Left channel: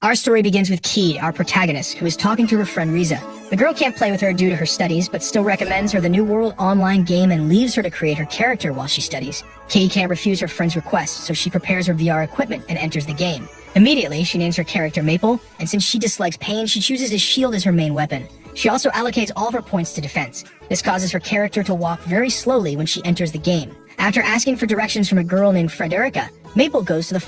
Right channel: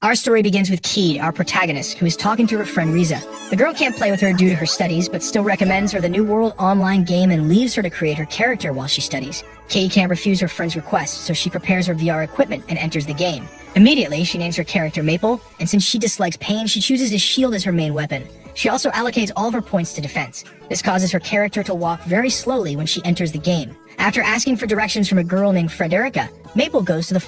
Our story begins with Keed, our protagonist, who is talking to her friend Riza. The girl can't play with her due to her studies, but still recommends her the New World online game and leaves her to create her character while she studies. Keed can't refuse her friend's request, so she prepares her VR equipment and enters the game. Immediately, she names her character Maple, and since she dislikes pain, she chooses a shield as her main weapon. She also allocates all of her points to defense. This causes her character to walk very slowly when she enters the game. After asking for directions from a girl named Frederica, Maple goes to the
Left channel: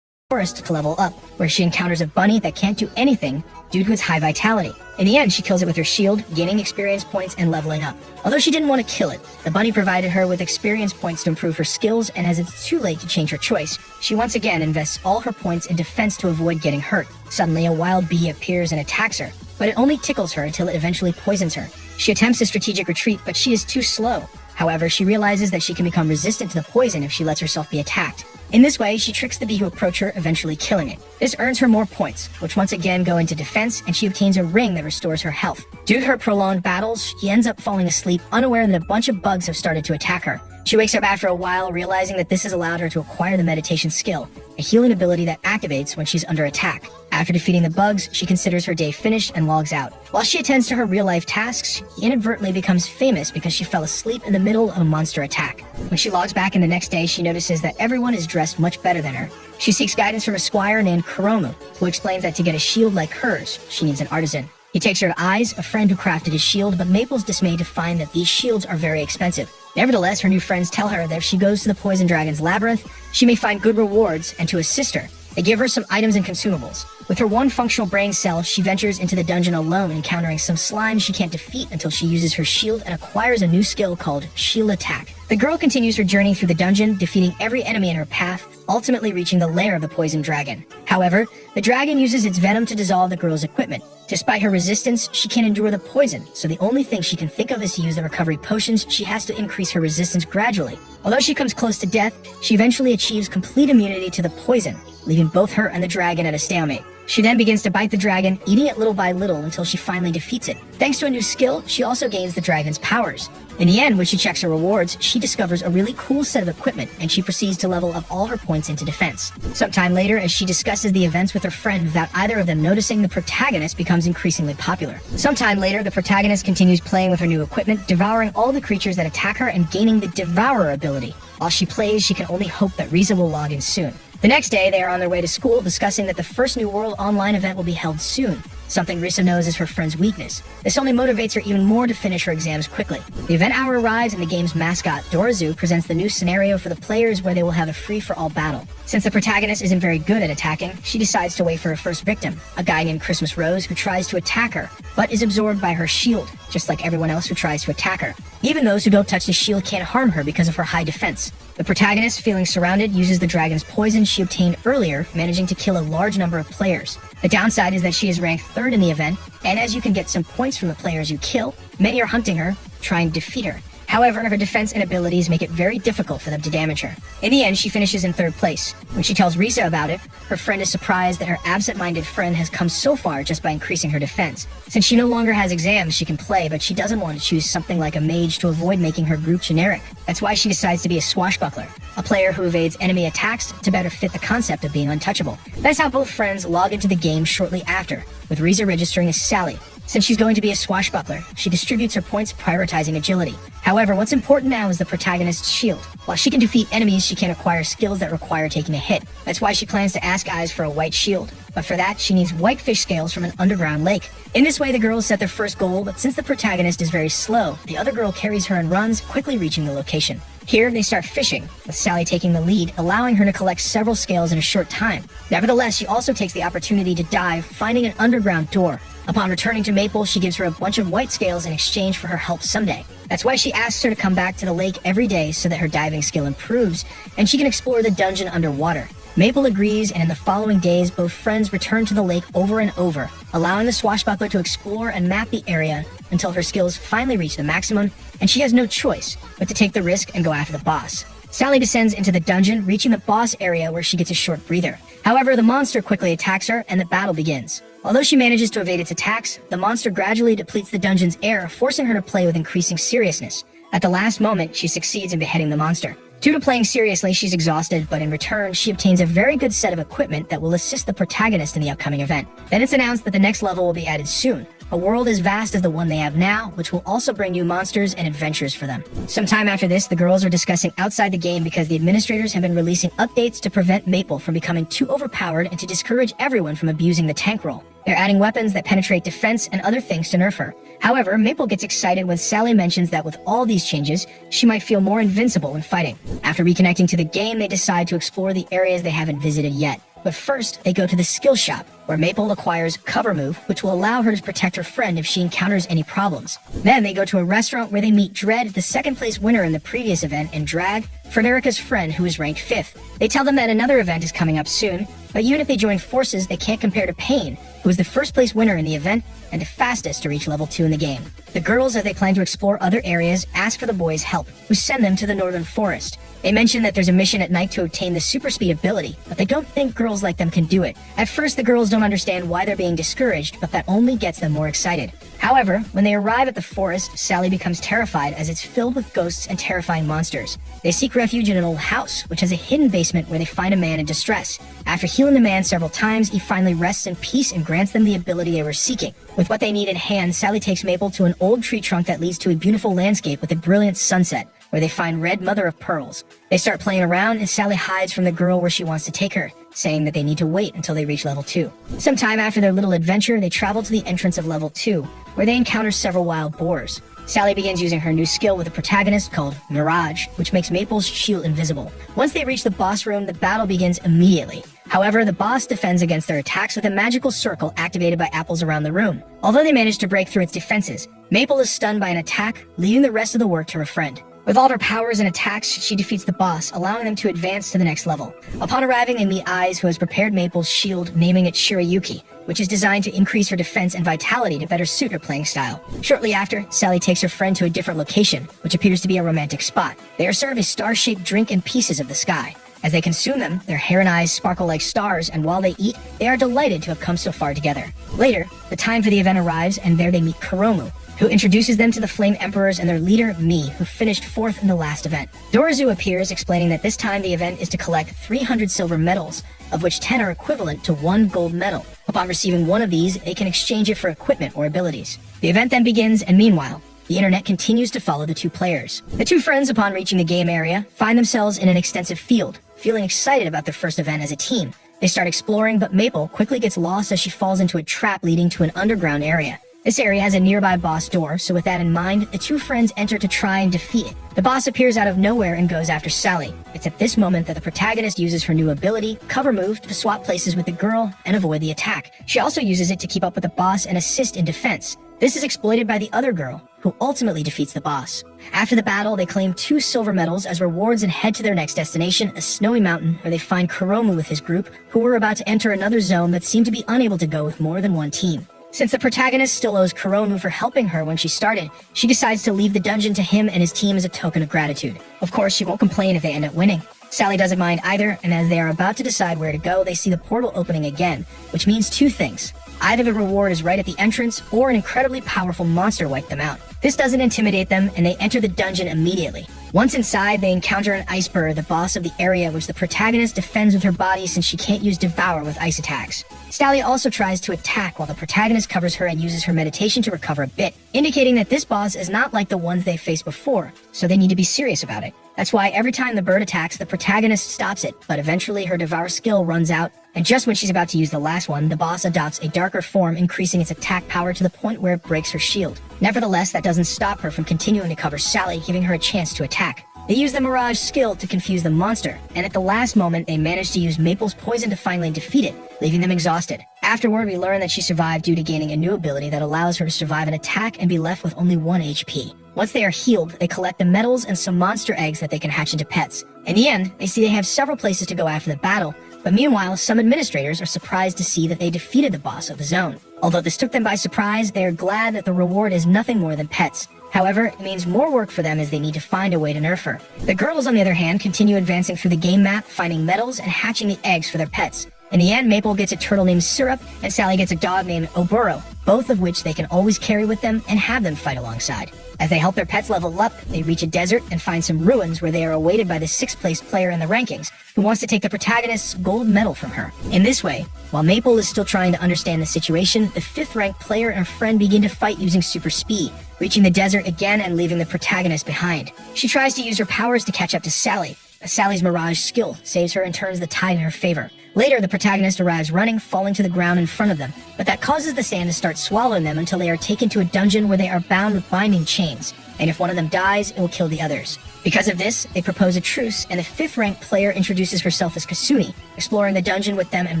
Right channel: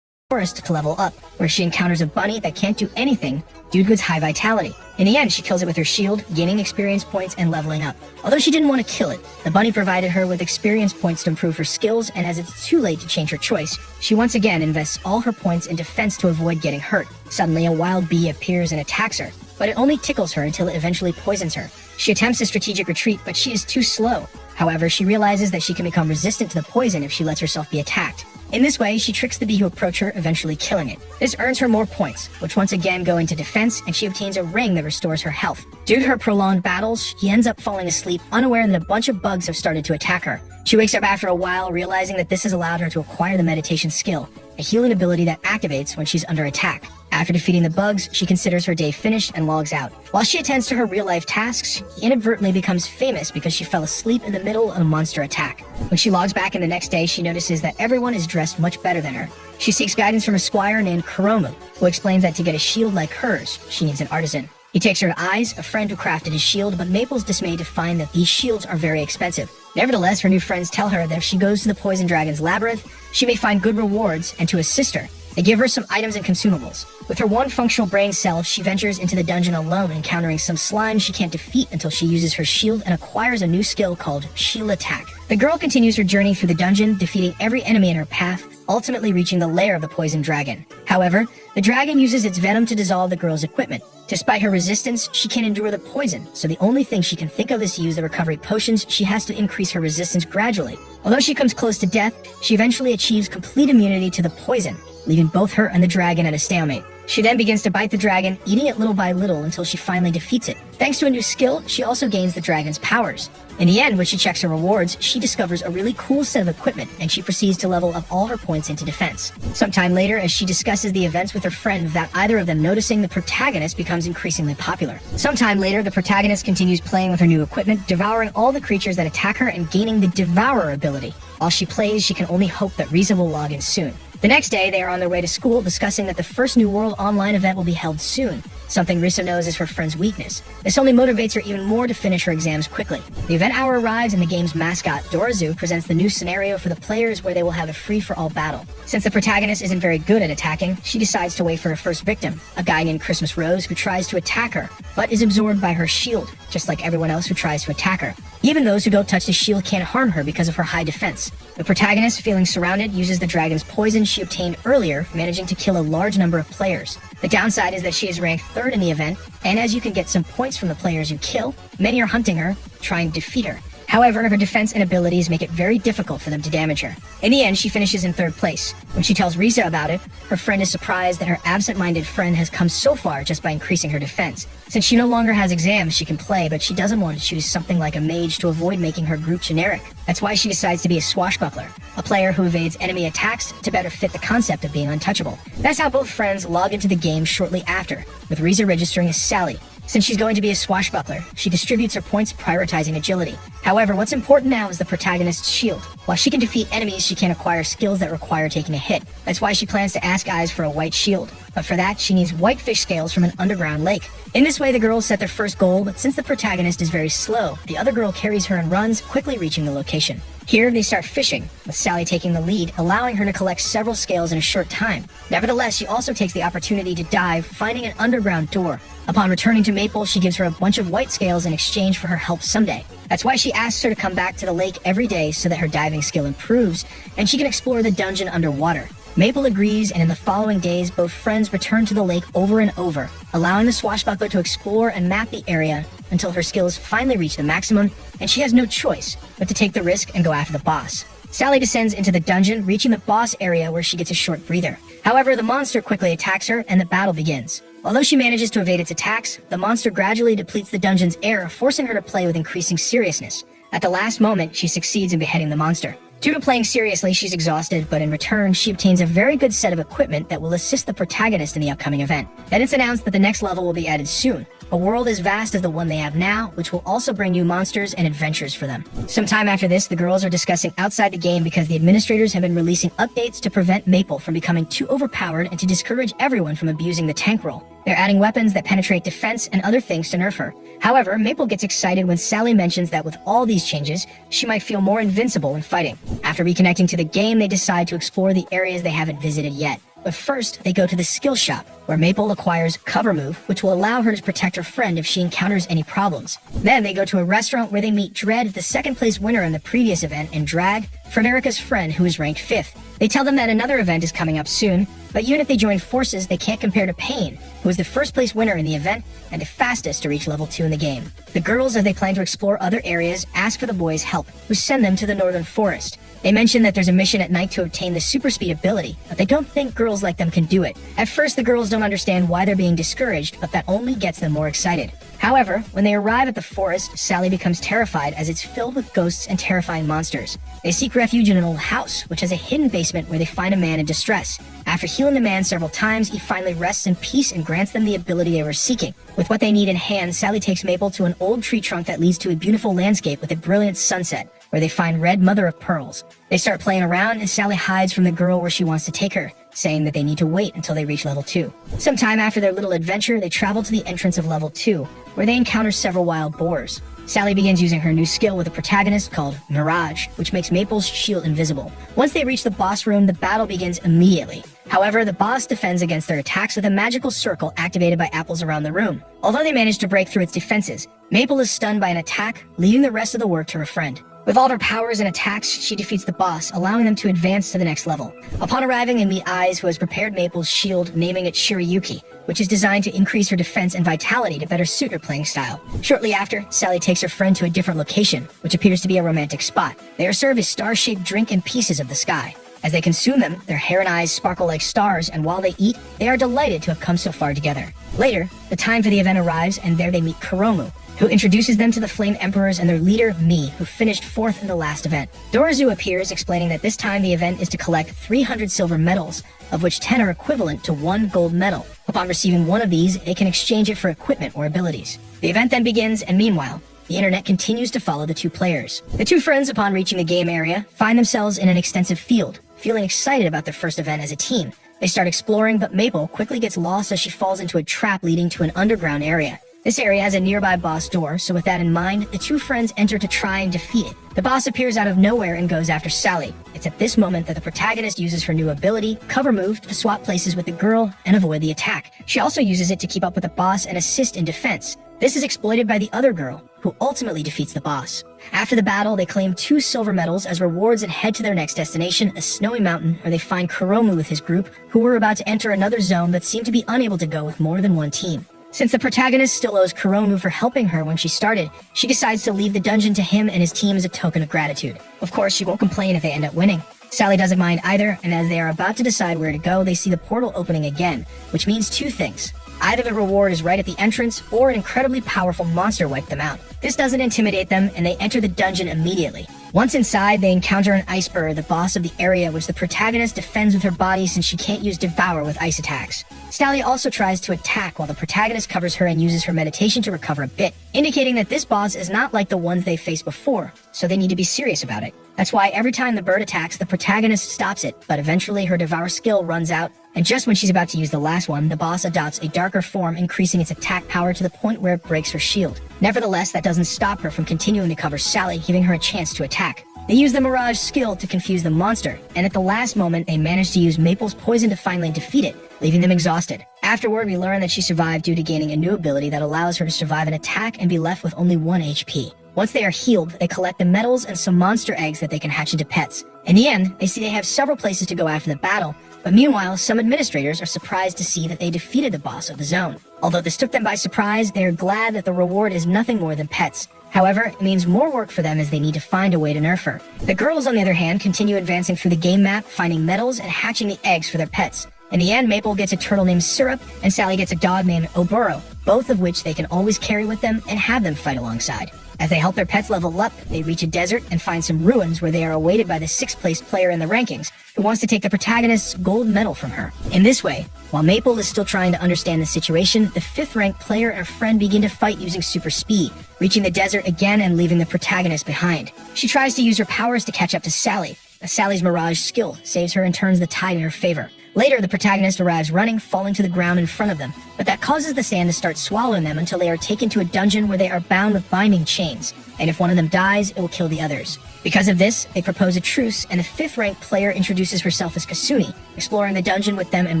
forest to level up, where she encounters a bunny that can't do anything due to its high vitality. In the end, she kills it with her shield, gaining experience points and leveling up. Although she didn't want to kill it, the bunny provided her with experience points to improve her skills, and as it's too late to change her choice, she once again invests all her points in defense to avoid getting hurt. Suddenly, a wild bee appears and attacks her, but it only tickles her until it eventually poisons her. She attempts a strategic retreat, but she is too slow. However, she realizes that she can become resistant to the poison if she lets herself be attacked. In this way, she tricks the bee to approach her, eventually killing it. This earns her more points, which once again go into defense, and she obtains a ring that restores her health. Due to her prolonged battles, she ends up falling asleep, unaware that a bunch of bugs have started to attack her. She wakes up after a while, realizing that this has allowed her to acquire the meditation skill, a healing ability that activates when she's under attack. After defeating the bugs, she considers her day finished and logs out. While she attends to her real-life tasks, she inadvertently becomes famous because she fell asleep in the middle of a monster attack. When she logs back in the next day, she notices that everyone is dressed much better than her. She seeks guidance from a squire named Kuromu, who explains that to get a shield like hers, she needs an artisan. He takes her to Eyes, a friend who crafted his shield, but Maple's dismayed to find that these shields are very expensive. Nevertheless, her new friends tell her that if she goes to the Poison Dragon's labyrinth, she may find good rewards, and to assist her, they give her some items and consumables. With her one functional brain cell, she ventures into the dungeon alone, encountering some slime she can't defeat until she uses her shield and acquires a new skill called Shield Attack. The girl continues her journey through the dungeon, defeating every enemy in her path, ultimately reaching the lair of the Poison Dragon. However, the dragon uses its venom to dissolve the girl's equipment. Despite her resistance, she can't endure the poison, so the only thing she can think of is to use the recovery potions. She has to increase her resistance gradually. Although she comes close to death, she eventually achieves complete immunity to the poison, leaving both her and the dragon at a stalemate. She then begins to bite the dragon, eating it little by little until she finally defeats it. Thanks to a new skill, she also gains the dragon's powers. In the end, when she checks her rewards, she discovers a really cool set of equipment, and she proceeds to level up all her points into defense. Sometime later, as she discusses the events with her friend without either of them noticing, the protagonist becomes increasingly popular. Sometime later, the protagonist continues playing with her new equipment, devouring all the creatures that attack her and gaining the Devourer ability. While she plays, she can only hope that Riza will log in soon. The next day, they are on their way to school, discussing that the first New World online event will be held soon, something Risa knows is her friend's weakness. This only motivates her even more to finish her exams quickly. The event hour arrives, and the game's mascot, Dorazu, presents the new scenario for the players where they will have a free-for-all battle. Since the protagonist isn't very good at attacking, she decides to wait for her first victim, a guy named Christmas Rose who tries to attack her, but is absorbed by her shield, just like everyone else who tries to attack her. Even those who don't touch the shield can't harm her because of her high defense. The protagonist, feeling surrounded, uses the dragon's poison she obtained earlier, managing to kill a large number of players. The downside is that she is ranked 3rd in the event, and as you can get some points from the players you kill, many are hunting her, trying to defeat her. However, her defense and abilities make it very difficult for them to damage her. In the end, she finishes in 3rd place. When she tells Risa about it, her friend is surprised that her absent-minded friend has come so far just by increasing her defense. Since she no longer has exams, she can play, but she doesn't want to choose something like a mage to avoid making her group generic. That's why she decides to be a swashbuckler, a player who evades enemy attacks to better fit the concept of being untouchable. That's how both friends log into the game shortly after, with Risa registering as Sally. Since she's going to be a swashbuckler, she distributes her points, prioritizing agility. However, what's important now is the protagonist's shield. While she can defeat enemies, she can't acquire skills that require taking a hit. That's why she plans to ask Eyes for a white shield. But for that, she needs white fish scales from an underground lake. In this way, the girls set their first goal, but since the protagonist is very slow, the other girl carries her and runs, quickly reaching the location. Here, they start fishing, with Sally taking the lead, allowing her to collect several scales in a short time. Nevertheless, she also takes the opportunity to dive, finding an underground door. Upon returning to Maple, she gives her a bunch of white scales in exchange for her help someday. That's why she asks her to come back to the lake every day so that her diving skill improves, and she can explore the dungeon underwater. Maple agrees, and in the following days, both friends return to the lake over and over, allowing the swashbuckler to explore and map the area until her skills finally reach the maximum, and she has no choice but to take the risk and go after the boss. Sally descends into the dungeon, reaching the boss area where she gets a short breather. However, the monster quickly attacks her, and the battle begins. Although she manages to evade its attacks, the monster gradually depletes the dungeon's air, forcing her to play with increasing seriousness. At the last moment, she succeeds in beheading the monster. Due to playing seriously, she's exhausted, but in return, she obtains a very good set of equipment that will assist the protagonist in the upcoming event. Then it's announced that the next level will be added soon, a world as vast as the one they have now, which will also bring new monsters and adventures for them. Sometime after this, the girls are discussing outside the game because the administrators have been releasing updates to prevent Maple from becoming too overpowered and to discourage everyone from abusing the tank role. They're adding weapons that penetrate defense and other things to nerf her. However, Maple gets excited when Sally mentions that with all these changes, she might feel more invincible in fighting. After reconnecting to the game, they decide to explore the areas they haven't visited yet. But first, they go to the skill shop, where Maple acquires Cover Move, which will allow her to protect her friend if she encounters any problems. Then they go to a restaurant where they meet Dread, the second place winner in the previous event, and Drag, Frederica's friend who is ranked 5th. They tell them that another event is coming up soon, but even if they join forces, they can't compare to Pain, who was the first place winner in the event and the fastest to reach level 2 in the game. The girls, as they plan to explore other areas, ask for the boys' help, who send them to the Northern Forest. They mention that there's a mission at night to obtain the super speed ability, but they don't think girls like them can do it. At first, the girls don't understand why they're being discouraged, but that only gets them more excited. However, when they arrive at the forest, Sally becomes terrified as it's filled with ghosts and terrifying monsters. They seek refuge in an old house, which has a hidden basement where they find a man in distress. After healing the man several times, he finally rests in peace and grants them the ability they were seeking. With what they need in hand, Sally takes Maple to an old tree trunk that leads to a beautiful landscape with a brilliant sunset, where they find Red Mother of Pearls. They start playing around, and Sally hides from the girl where she wants to take her, saying that they need to wait until they reach level 2. Sometime after their little adventure, they travel to the entrance of level 2, where they encounter several wild boars. Sally begins using her new skill with a protagonist called Mirage, which makes Maple's shield invisible. Once they reach the boss room, the battle begins immediately. However, the boss defends against their attacks with a magical circle activated by apples around the room. Although they manage to break through its defenses, Maple is stunned by an attack, leaving the rest of the work to her friend. With all her powers and attacks, she defeats the boss, allowing them to advance to the next level. Upon arriving, they meet Eyes, who has prepared Maple's shield, naming it Shirayuki, which is designed to increase her defense and vitality to better suit her playing style. Shortly after, Sally takes her friend to a different location, which appears to be a romantic spot. They are served a star-shaped drink and pieces of the sky. As they consume them, their hair and eyes sparkle like stars, and while they eat, they are delighted to have come so far together. Later, the time for the event arrives, and there they meet Kuromu, who introduces them to the Flame Emperors and their leader, Mi, who finished 4th in the last event. Dorizu appears, explaining that this time the event is to collect 300 silver medals, of which 10 are equivalent to 1 gold medal. Upon receiving one of these, they can exchange it for equipment or abilities. The event then begins, and meanwhile, the internet continues to follow the two players. The two friends, upon reaching the game area, find themselves in an extensive field, feeling excited about their first event as a team. They start exploring, but Maple quickly gets lost as she falls into a trap leading to an underground area. This area has a nearby boss door, so with that in mind, the two friends enter to try and defeat it. The boss appears out of nowhere and goes after Sally. It's at this moment that the protagonist uses her new ability, Cover Move, to swap places with the girl and avoid the attack. She also uses it to keep up with the boss and assist in defense. This is exploited by the other girl, who ultimately defeats the boss. After the battle, they claim 2 silver medals as rewards and head to their next destination, a snowy mountain, where they find Kuromu with his group, who were about to enter another zone but seem to be unable to go with more than one team. Since the protagonist still owes Kuromu for helping her when she started, she decides to leave the dungeon to him and his team as a token of gratitude. Of course, she won't complain if they end up winning. Sally doesn't mind either, and as they are about to decide where to go, they see the portal opening again, which means 2 things. Either the reward is right at the entrance, or an incredibly powerful monster wiped them out. This doesn't intimidate them, and they enter the dungeon immediately. Once inside, they encounter an iceberg, the boss of the area, which the protagonist defends with her body since she can't use Devour with ice attacks. Sally also tries to attack while the protagonist covers her and uses her meditation to recover a bit, indicating that this boss is not like the ones they faced before, so they need to be serious about it. That's why every time the bird attacks, the protagonist stops it, but eventually her Devour skill runs out, and just when she's about to use the last one, the boss adopts a darker form, increasing its attack power to the point where it breaks her shield. Nevertheless, that doesn't stop her from continuing to cover Sally, giving her a chance to attack. They use the Mirage skill to confuse the monster, and at the last moment, they manage to use Maple's poison to finally defeat it, leaving them exhausted. Afterward, we learn that she survived due to gaining a new ability that allows her to survive an attack and be left with only 1 HP. Once they are healed, they collect the medals and some monster eggs that they can hatch into pets. In the end, they see they have several places to go after the battle, but meanwhile, some administrators are surprised to see that they defeated the boss of the zone. Although this took them by surprise, they are glad that the reward is nothing more than pets. However, it means more work for them as they need to find a way to nerf her. The girls, on the other hand, continue advancing through the game map, finding medals and hatching the eggs for their pets. In the end, Maple gets a turtle named Syrup, and Sally gets a dog named Oboro, both of which they can always carry with them and have them fight alongside. As they help their pets level up, they reach a desert and find some ruins where they are awaited by the 6th place player in the rankings, who wants to take the protagonist's gold medal from her. In this way, while Maple is still trying to understand the situation, the 5th ranked player and her friend begin to fight using super speed, reaching the desert again and leaving the protagonist behind. She tries to use her powers to catch up to Sally, but Sally's Mirage skill saves her and turns the tide in her favor. Later, the protagonist arrives running, falling to the ground in front of them, but that causes the sand to start swallowing them until they are taken to a dungeon where they are bound with binding chains, and if one of them dies, it will kill the others. Because of this, they propose a truce, and the 5th ranked player introduces herself as Kasumi, exploring the dungeon with them and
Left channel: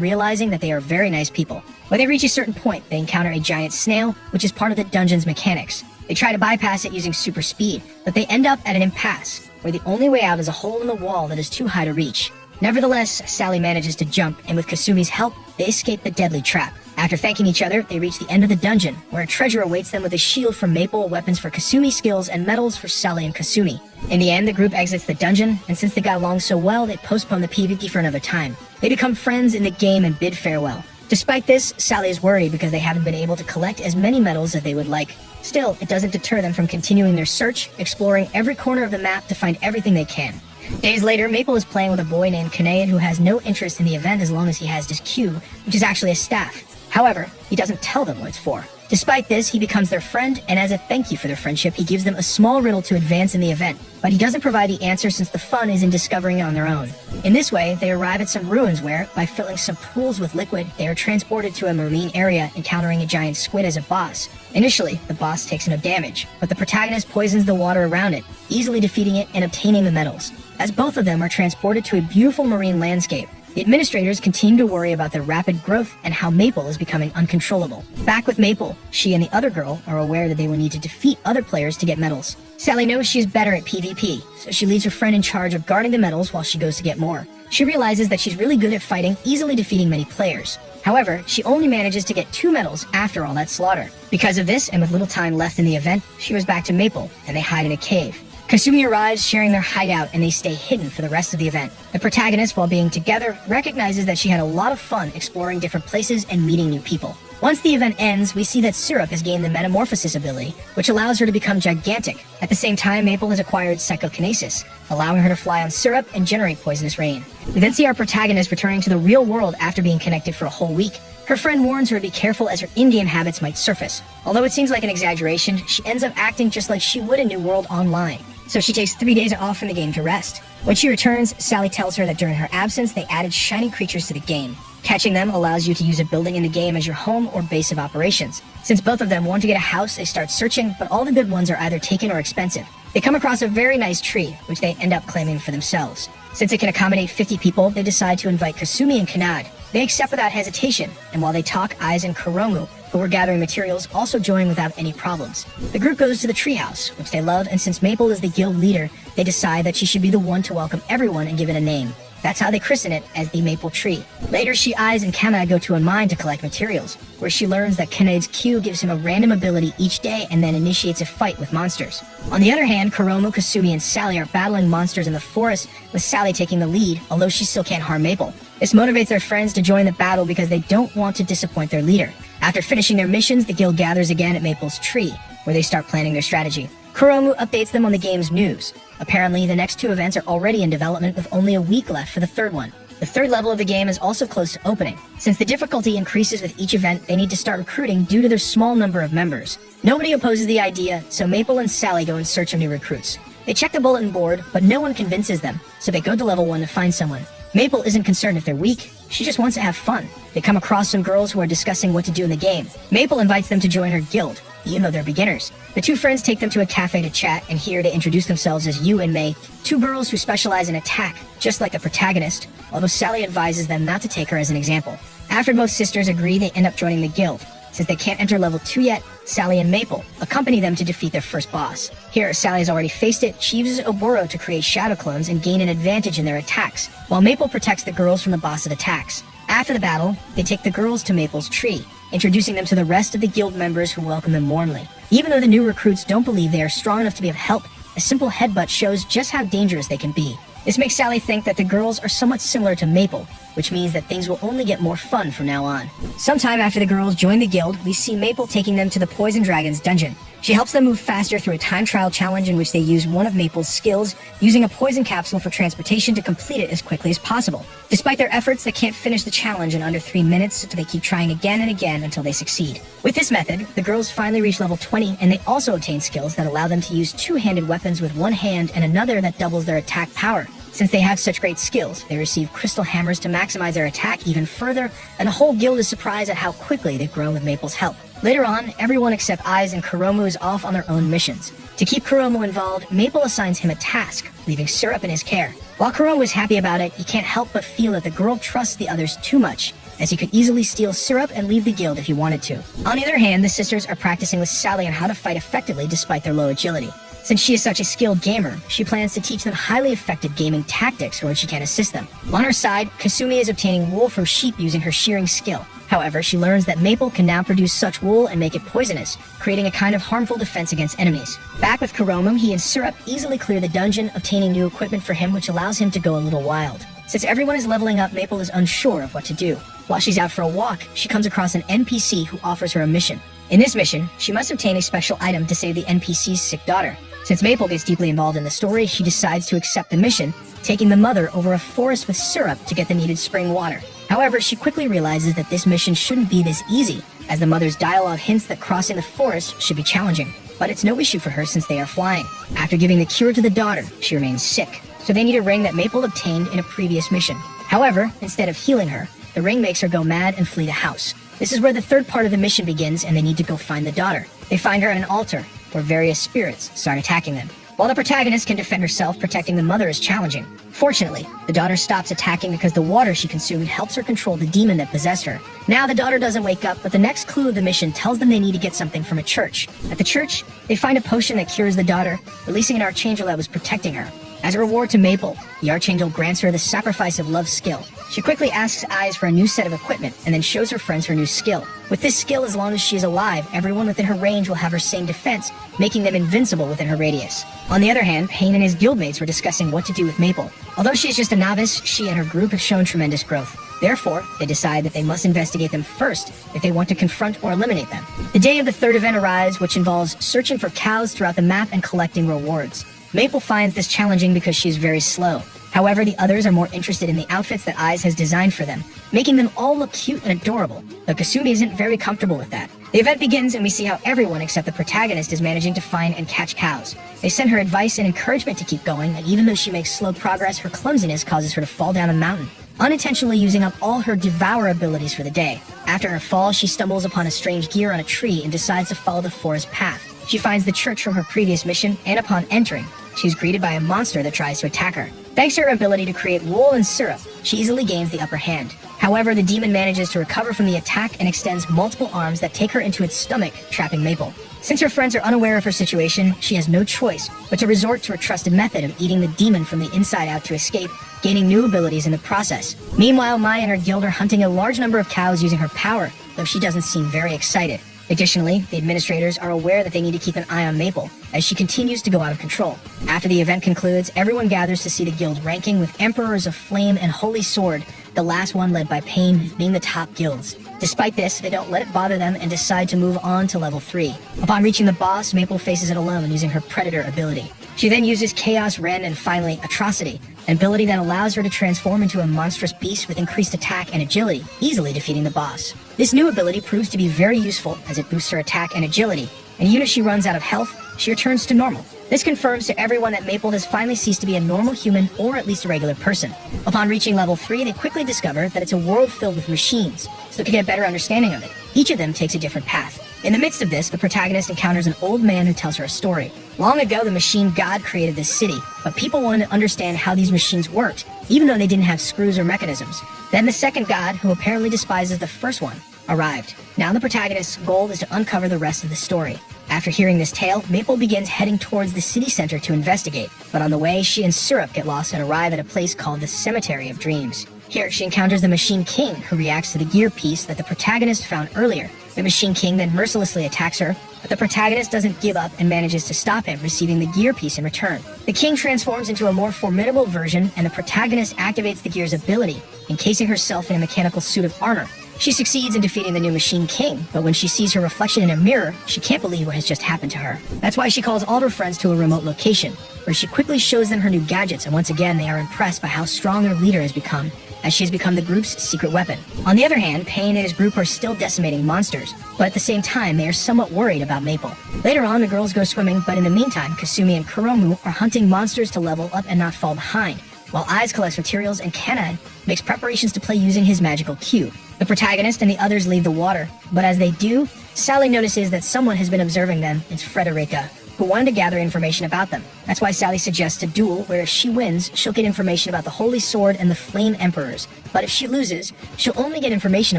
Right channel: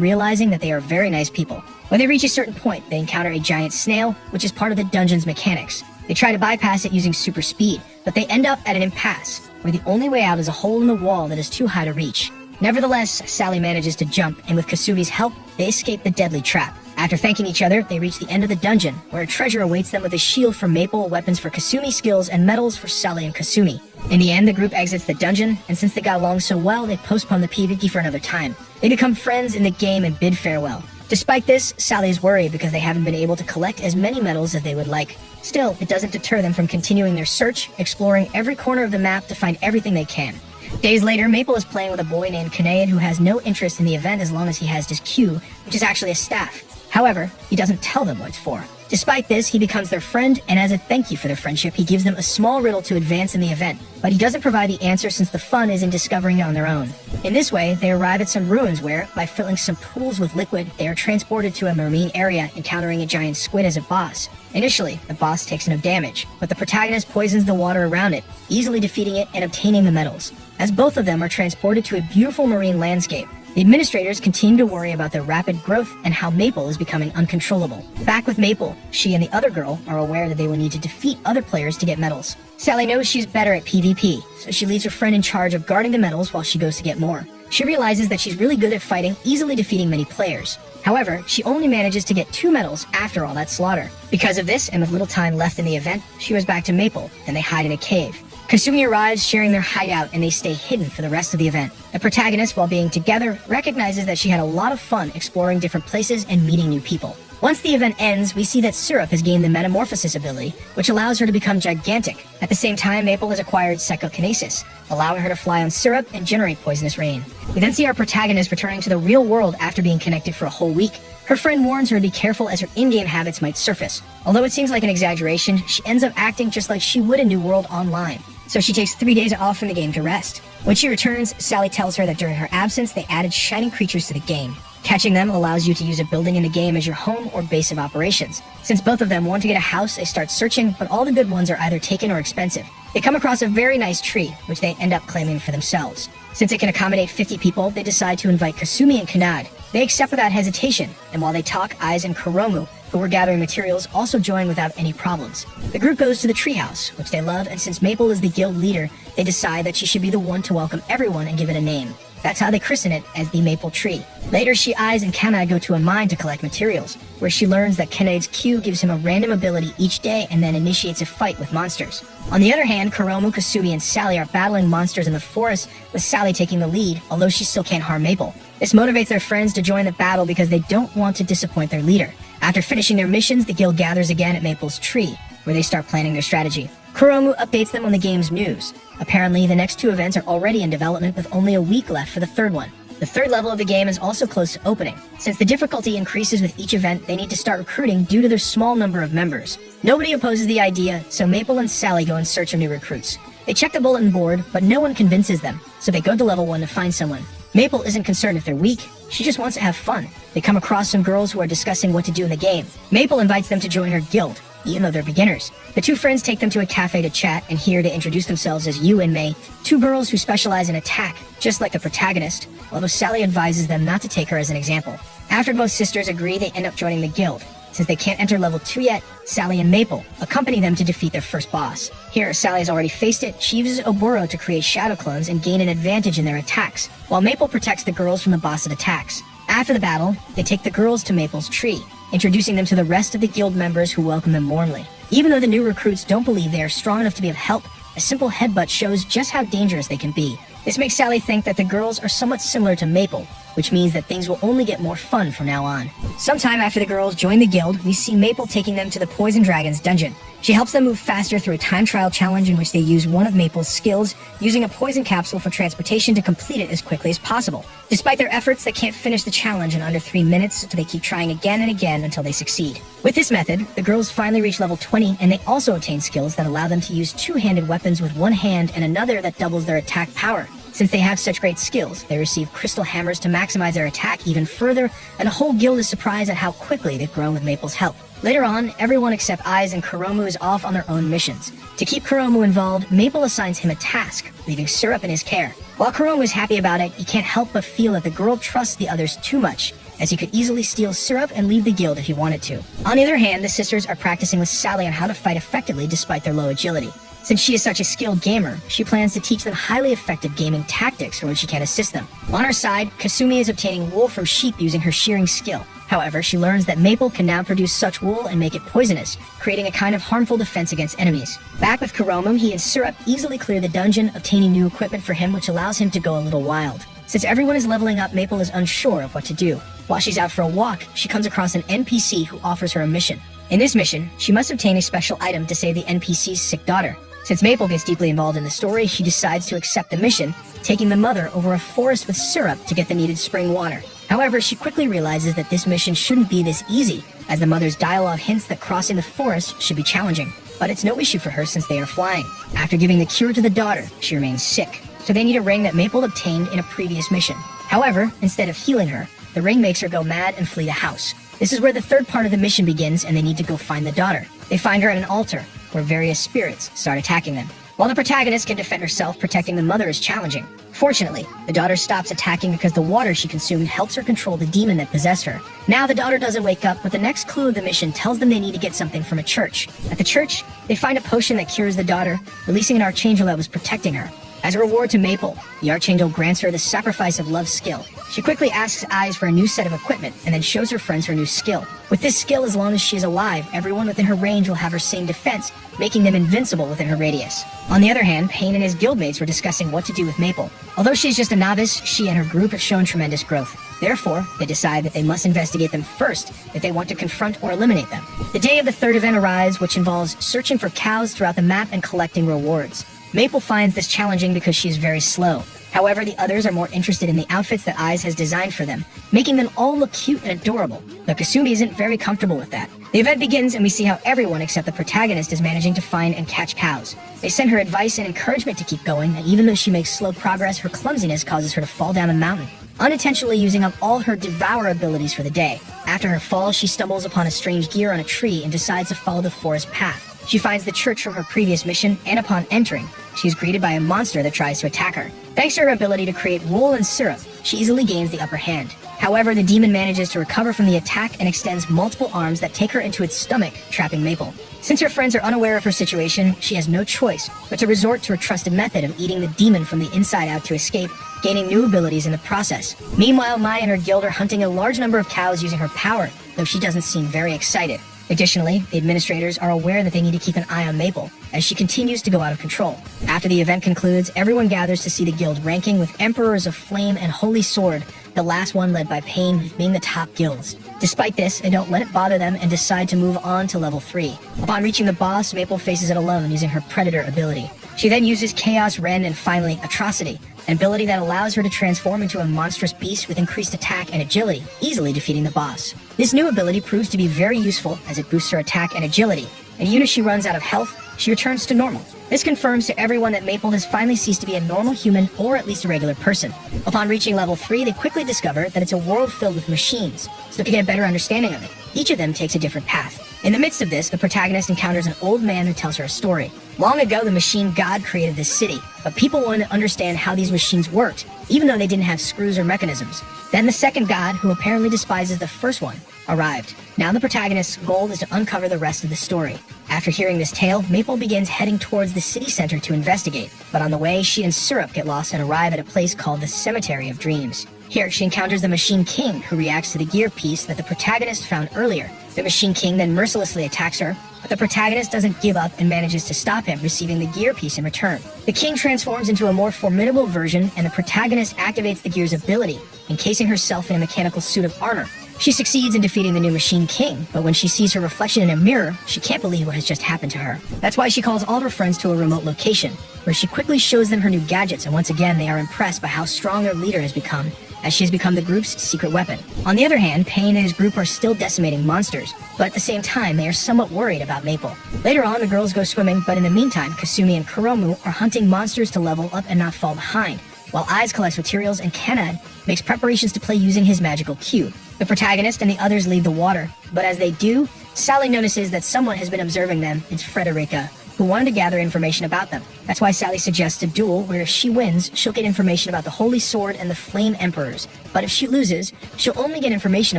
realizing that they are very nice people. When they reach a certain point, they encounter a giant snail, which is part of the dungeon's mechanics. They try to bypass it using super speed, but they end up at an impasse, where the only way out is a hole in the wall that is too high to reach. Nevertheless, Sally manages to jump, and with Kasumi's help, they escape the deadly trap. After thanking each other, they reach the end of the dungeon, where a treasure awaits them with a shield for Maple, weapons for Kasumi skills, and medals for Sally and Kasumi. In the end, the group exits the dungeon, and since they got along so well, they postpone the PvP for another time. They become friends in the game and bid farewell. Despite this, Sally is worried because they haven't been able to collect as many medals as they would like. Still, it doesn't deter them from continuing their search, exploring every corner of the map to find everything they can. Days later, Maple is playing with a boy named Kane who has no interest in the event as long as he has his cue, which is actually a staff. However, he doesn't tell them what it's for. Despite this, he becomes their friend, and as a thank you for their friendship, he gives them a small riddle to advance in the event, but he doesn't provide the answer since the fun is in discovering it on their own. In this way, they arrive at some ruins where, by filling some pools with liquid, they are transported to a marine area, encountering a giant squid as a boss. Initially, the boss takes no damage, but the protagonist poisons the water around it, easily defeating it and obtaining the medals. As both of them are transported to a beautiful marine landscape, the administrators continue to worry about their rapid growth and how Maple is becoming uncontrollable. Back with Maple, she and the other girl are aware that they will need to defeat other players to get medals. Sally knows she's better at PvP, so she leaves her friend in charge of guarding the medals while she goes to get more. She realizes that she's really good at fighting, easily defeating many players. However, she only manages to get 2 medals after all that slaughter. Because of this, and with little time left in the event, she goes back to Maple, and they hide in a cave. Kasumi arrives, sharing their hideout, and they stay hidden for the rest of the event. The protagonist, while being together, recognizes that she had a lot of fun exploring different places and meeting new people. Once the event ends, we see that Syrup has gained the Metamorphosis ability, which allows her to become gigantic. At the same time, Maple has acquired Psychokinesis, allowing her to fly on Syrup and generate poisonous rain. We then see our protagonist returning to the real world after being connected for a whole week. Her friend warns her to be careful as her in-game habits might surface. Although it seems like an exaggeration, she ends up acting just like she would in New World Online. So she takes 3 days off from the game to rest. When she returns, Sally tells her that during her absence, they added shiny creatures to the game. Catching them allows you to use a building in the game as your home or base of operations. Since both of them want to get a house, they start searching, but all the good ones are either taken or expensive. They come across a very nice tree, which they end up claiming for themselves. Since it can accommodate 50 people, they decide to invite Kasumi and Kanade. They accept without hesitation, and while they talk, Aiz and Kuromu, who were gathering materials, also join without any problems. The group goes to the treehouse, which they love, and since Maple is the guild leader, they decide that she should be the one to welcome everyone and give it a name. That's how they christen it as the Maple Tree. Later, Aiz and Kanade go to a mine to collect materials, where she learns that Kanade's Q gives him a random ability each day and then initiates a fight with monsters. On the other hand, Kuromu, Kasumi, and Sally are battling monsters in the forest, with Sally taking the lead, although she still can't harm Maple. This motivates their friends to join the battle because they don't want to disappoint their leader. After finishing their missions, the guild gathers again at Maple's tree, where they start planning their strategy. Kuromu updates them on the game's news. Apparently, the next 2 events are already in development with only a week left for the 3rd one. The 3rd level of the game is also close to opening. Since the difficulty increases with each event, they need to start recruiting due to their small number of members. Nobody opposes the idea, so Maple and Sally go in search of new recruits. They check the bulletin board, but no one convinces them, so they go to level 1 to find someone. Maple isn't concerned if they're weak, she just wants to have fun. They come across some girls who are discussing what to do in the game. Maple invites them to join her guild, even though they're beginners. The 2 friends take them to a cafe to chat, and here they introduce themselves as Yu and Mei, 2 girls who specialize in attack, just like the protagonist, although Sally advises them not to take her as an example. After both sisters agree, they end up joining the guild. Since they can't enter level 2 yet, Sally and Maple accompany them to defeat their first boss. Here, Sally has already faced it. She uses Oboro to create shadow clones and gain an advantage in their attacks, while Maple protects the girls from the boss's attacks. After the battle, they take the girls to Maple's tree, introducing them to the rest of the guild members who welcome them warmly. Even though the new recruits don't believe they are strong enough to be of help, a simple headbutt shows just how dangerous they can be. This makes Sally think that the girls are somewhat similar to Maple, which means that things will only get more fun from now on. Sometime after the girls join the guild, we see Maple taking them to the Poison Dragon's dungeon. She helps them move faster through a time trial challenge in which they use one of Maple's skills, using a poison capsule for transportation to complete it as quickly as possible. Despite their efforts, they can't finish the challenge in under 3 minutes, so they keep trying again and again until they succeed. With this method, the girls finally reach level 20, and they also obtain skills that allow them to use two-handed weapons with one hand and another that doubles their attack power. Since they have such great skills, they receive crystal hammers to maximize their attack even further, and the whole guild is surprised at how quickly they've grown with Maple's help. Later on, everyone except Aiz and Kuromu is off on their own missions. To keep Kuromu involved, Maple assigns him a task, leaving Syrup in his care. While Kuromu is happy about it, he can't help but feel that the girl trusts the others too much, as he could easily steal Syrup and leave the guild if he wanted to. On the other hand, the sisters are practicing with Sally on how to fight effectively despite their low agility. Since she is such a skilled gamer, she plans to teach them highly effective gaming tactics when she can assist them. On her side, Kasumi is obtaining wool from sheep using her shearing skill. However, she learns that Maple can now produce such wool and make it poisonous, creating a kind of harmful defense against enemies. Back with Kuromu, he and Syrup easily clear the dungeon, obtaining new equipment for him which allows him to go a little wild. Since everyone is leveling up, Maple is unsure of what to do. While she's out for a walk, she comes across an NPC who offers her a mission. In this mission, she must obtain a special item to save the NPC's sick daughter. Since Maple gets deeply involved in the story, she decides to accept the mission, taking the mother over a forest with Syrup to get the needed spring water. However, she quickly realizes that this mission shouldn't be this easy, as the mother's dialogue hints that crossing the forest should be challenging. But it's no issue for her since they are flying. After giving the cure to the daughter, she remains sick, so they need a ring that Maple obtained in a previous mission. However, instead of healing her, the ring makes her go mad and flee the house. This is where the third part of the mission begins, and they need to go find the daughter. They find her at an altar, where various spirits start attacking them. While the protagonist can defend herself, protecting the mother is challenging. Fortunately, the daughter stops attacking because the water she consumed helps her control the demon that possessed her. Now the daughter doesn't wake up, but the next clue of the mission tells them they need to get something from a church. At the church, they find a potion that cures the daughter, releasing an archangel that was protecting her. As a reward to Maple, the archangel grants her the sacrifice of love skill. She quickly asks Aiz for a new set of equipment and then shows her friends her new skill. With this skill, as long as she is alive, everyone within her range will have her same defense, making them invincible within her radius. On the other hand, Pain and his guildmates were discussing what to do with Maple. Although she is just a novice, she and her group have shown tremendous growth. Therefore, they decide that they must investigate them first if they want to confront or eliminate them. The day of the third event arrives, which involves searching for cows throughout the map and collecting rewards. Maple finds this challenging because she is very slow. However, the others are more interested in the outfits that Aiz has designed for them, making them all look cute and adorable, but Kasumi isn't very comfortable with that. The event begins and we see how everyone except the protagonist is managing to find and catch cows. They send her advice and encouragement to keep going, and even though she makes slow progress, her clumsiness causes her to fall down a mountain, unintentionally using up all her devour abilities for the day. After her fall, she stumbles upon a strange gear on a tree and decides to follow the forest path. She finds the church from her previous mission, and upon entering, she is greeted by a monster that tries to attack her. Thanks to her ability to create wool and syrup, she easily gains the upper hand. However, the demon manages to recover from the attack and extends multiple arms that take her into its stomach, trapping Maple. Since her friends are unaware of her situation, she has no choice but to resort to her trusted method of eating the demon from the inside out to escape, gaining new abilities in the process. Meanwhile, Mai and her guild are hunting a large number of cows using her power, though she doesn't seem very excited. Additionally, the administrators are aware that they need to keep an eye on Maple, as she continues to go out of control. After the event concludes, everyone gathers to see the guild ranking, with Emperors of Flame and Holy Sword, the last one led by Pain, being the top guilds. Despite this, they don't let it bother them and decide to move on to level 3. Upon reaching the boss, Maple faces it alone using her Predator ability. She then uses Chaos, Rend, and finally Atrocity, an ability that allows her to transform into a monstrous beast with increased attack and agility, easily defeating the boss. This new ability proves to be very useful as it boosts her attack and agility, and even if she runs out of health, she returns to normal. This confirms to everyone that Maple has finally ceased to be a normal human, or at least a regular person. Upon reaching level 3, they quickly discover that it's a world filled with machines, so to get a better understanding of it, each of them takes a different path. In the midst of this, the protagonist encounters an old man who tells her a story. Long ago, the machine god created this city, but people wanted to understand how these machines worked, even though they didn't have screws or mechanisms. Then the second god, who apparently despises the first one, arrived. Now the protagonist's goal is to uncover the rest of the story. After hearing this tale, Maple begins heading towards the city center to investigate, but on the way, she and Syrup get lost and arrive at a place called the Cemetery of Dreams. Here, she encounters the Machine King, who reacts to the gear piece that the protagonist found earlier. The Machine King then mercilessly attacks her, but the protagonist doesn't give up and manages to stop him, receiving the gear piece in return. The king transforms into a more formidable version, and the protagonist activates the gear's ability, encasing herself in a mechanical suit of armor. She succeeds in defeating the new Machine King, but when she sees her reflection in a mirror, she can't believe what has just happened to her. That's why she calls all of her friends to a remote location, where she quickly shows them her new gadgets, and once again they are impressed by how strong their leader has become, as she has become the group's secret weapon. On the other hand, Pain and his group are still decimating monsters, but at the same time they are somewhat worried about Maple. Later on, the girls go swimming, but in the meantime, Kasumi and Kuromu are hunting monsters to level up and not fall behind, while Eyes collects materials and Kanad makes preparations to play using his magical cube. The protagonist and the others leave the water, but as they do, Sally notices that someone has been observing them. It's Frederica, who wanted to gather information about them. That's why Sally suggests a duel where if she wins, she'll get information about the Holy Sword and the Flame Emperors, but if she loses, she'll only get information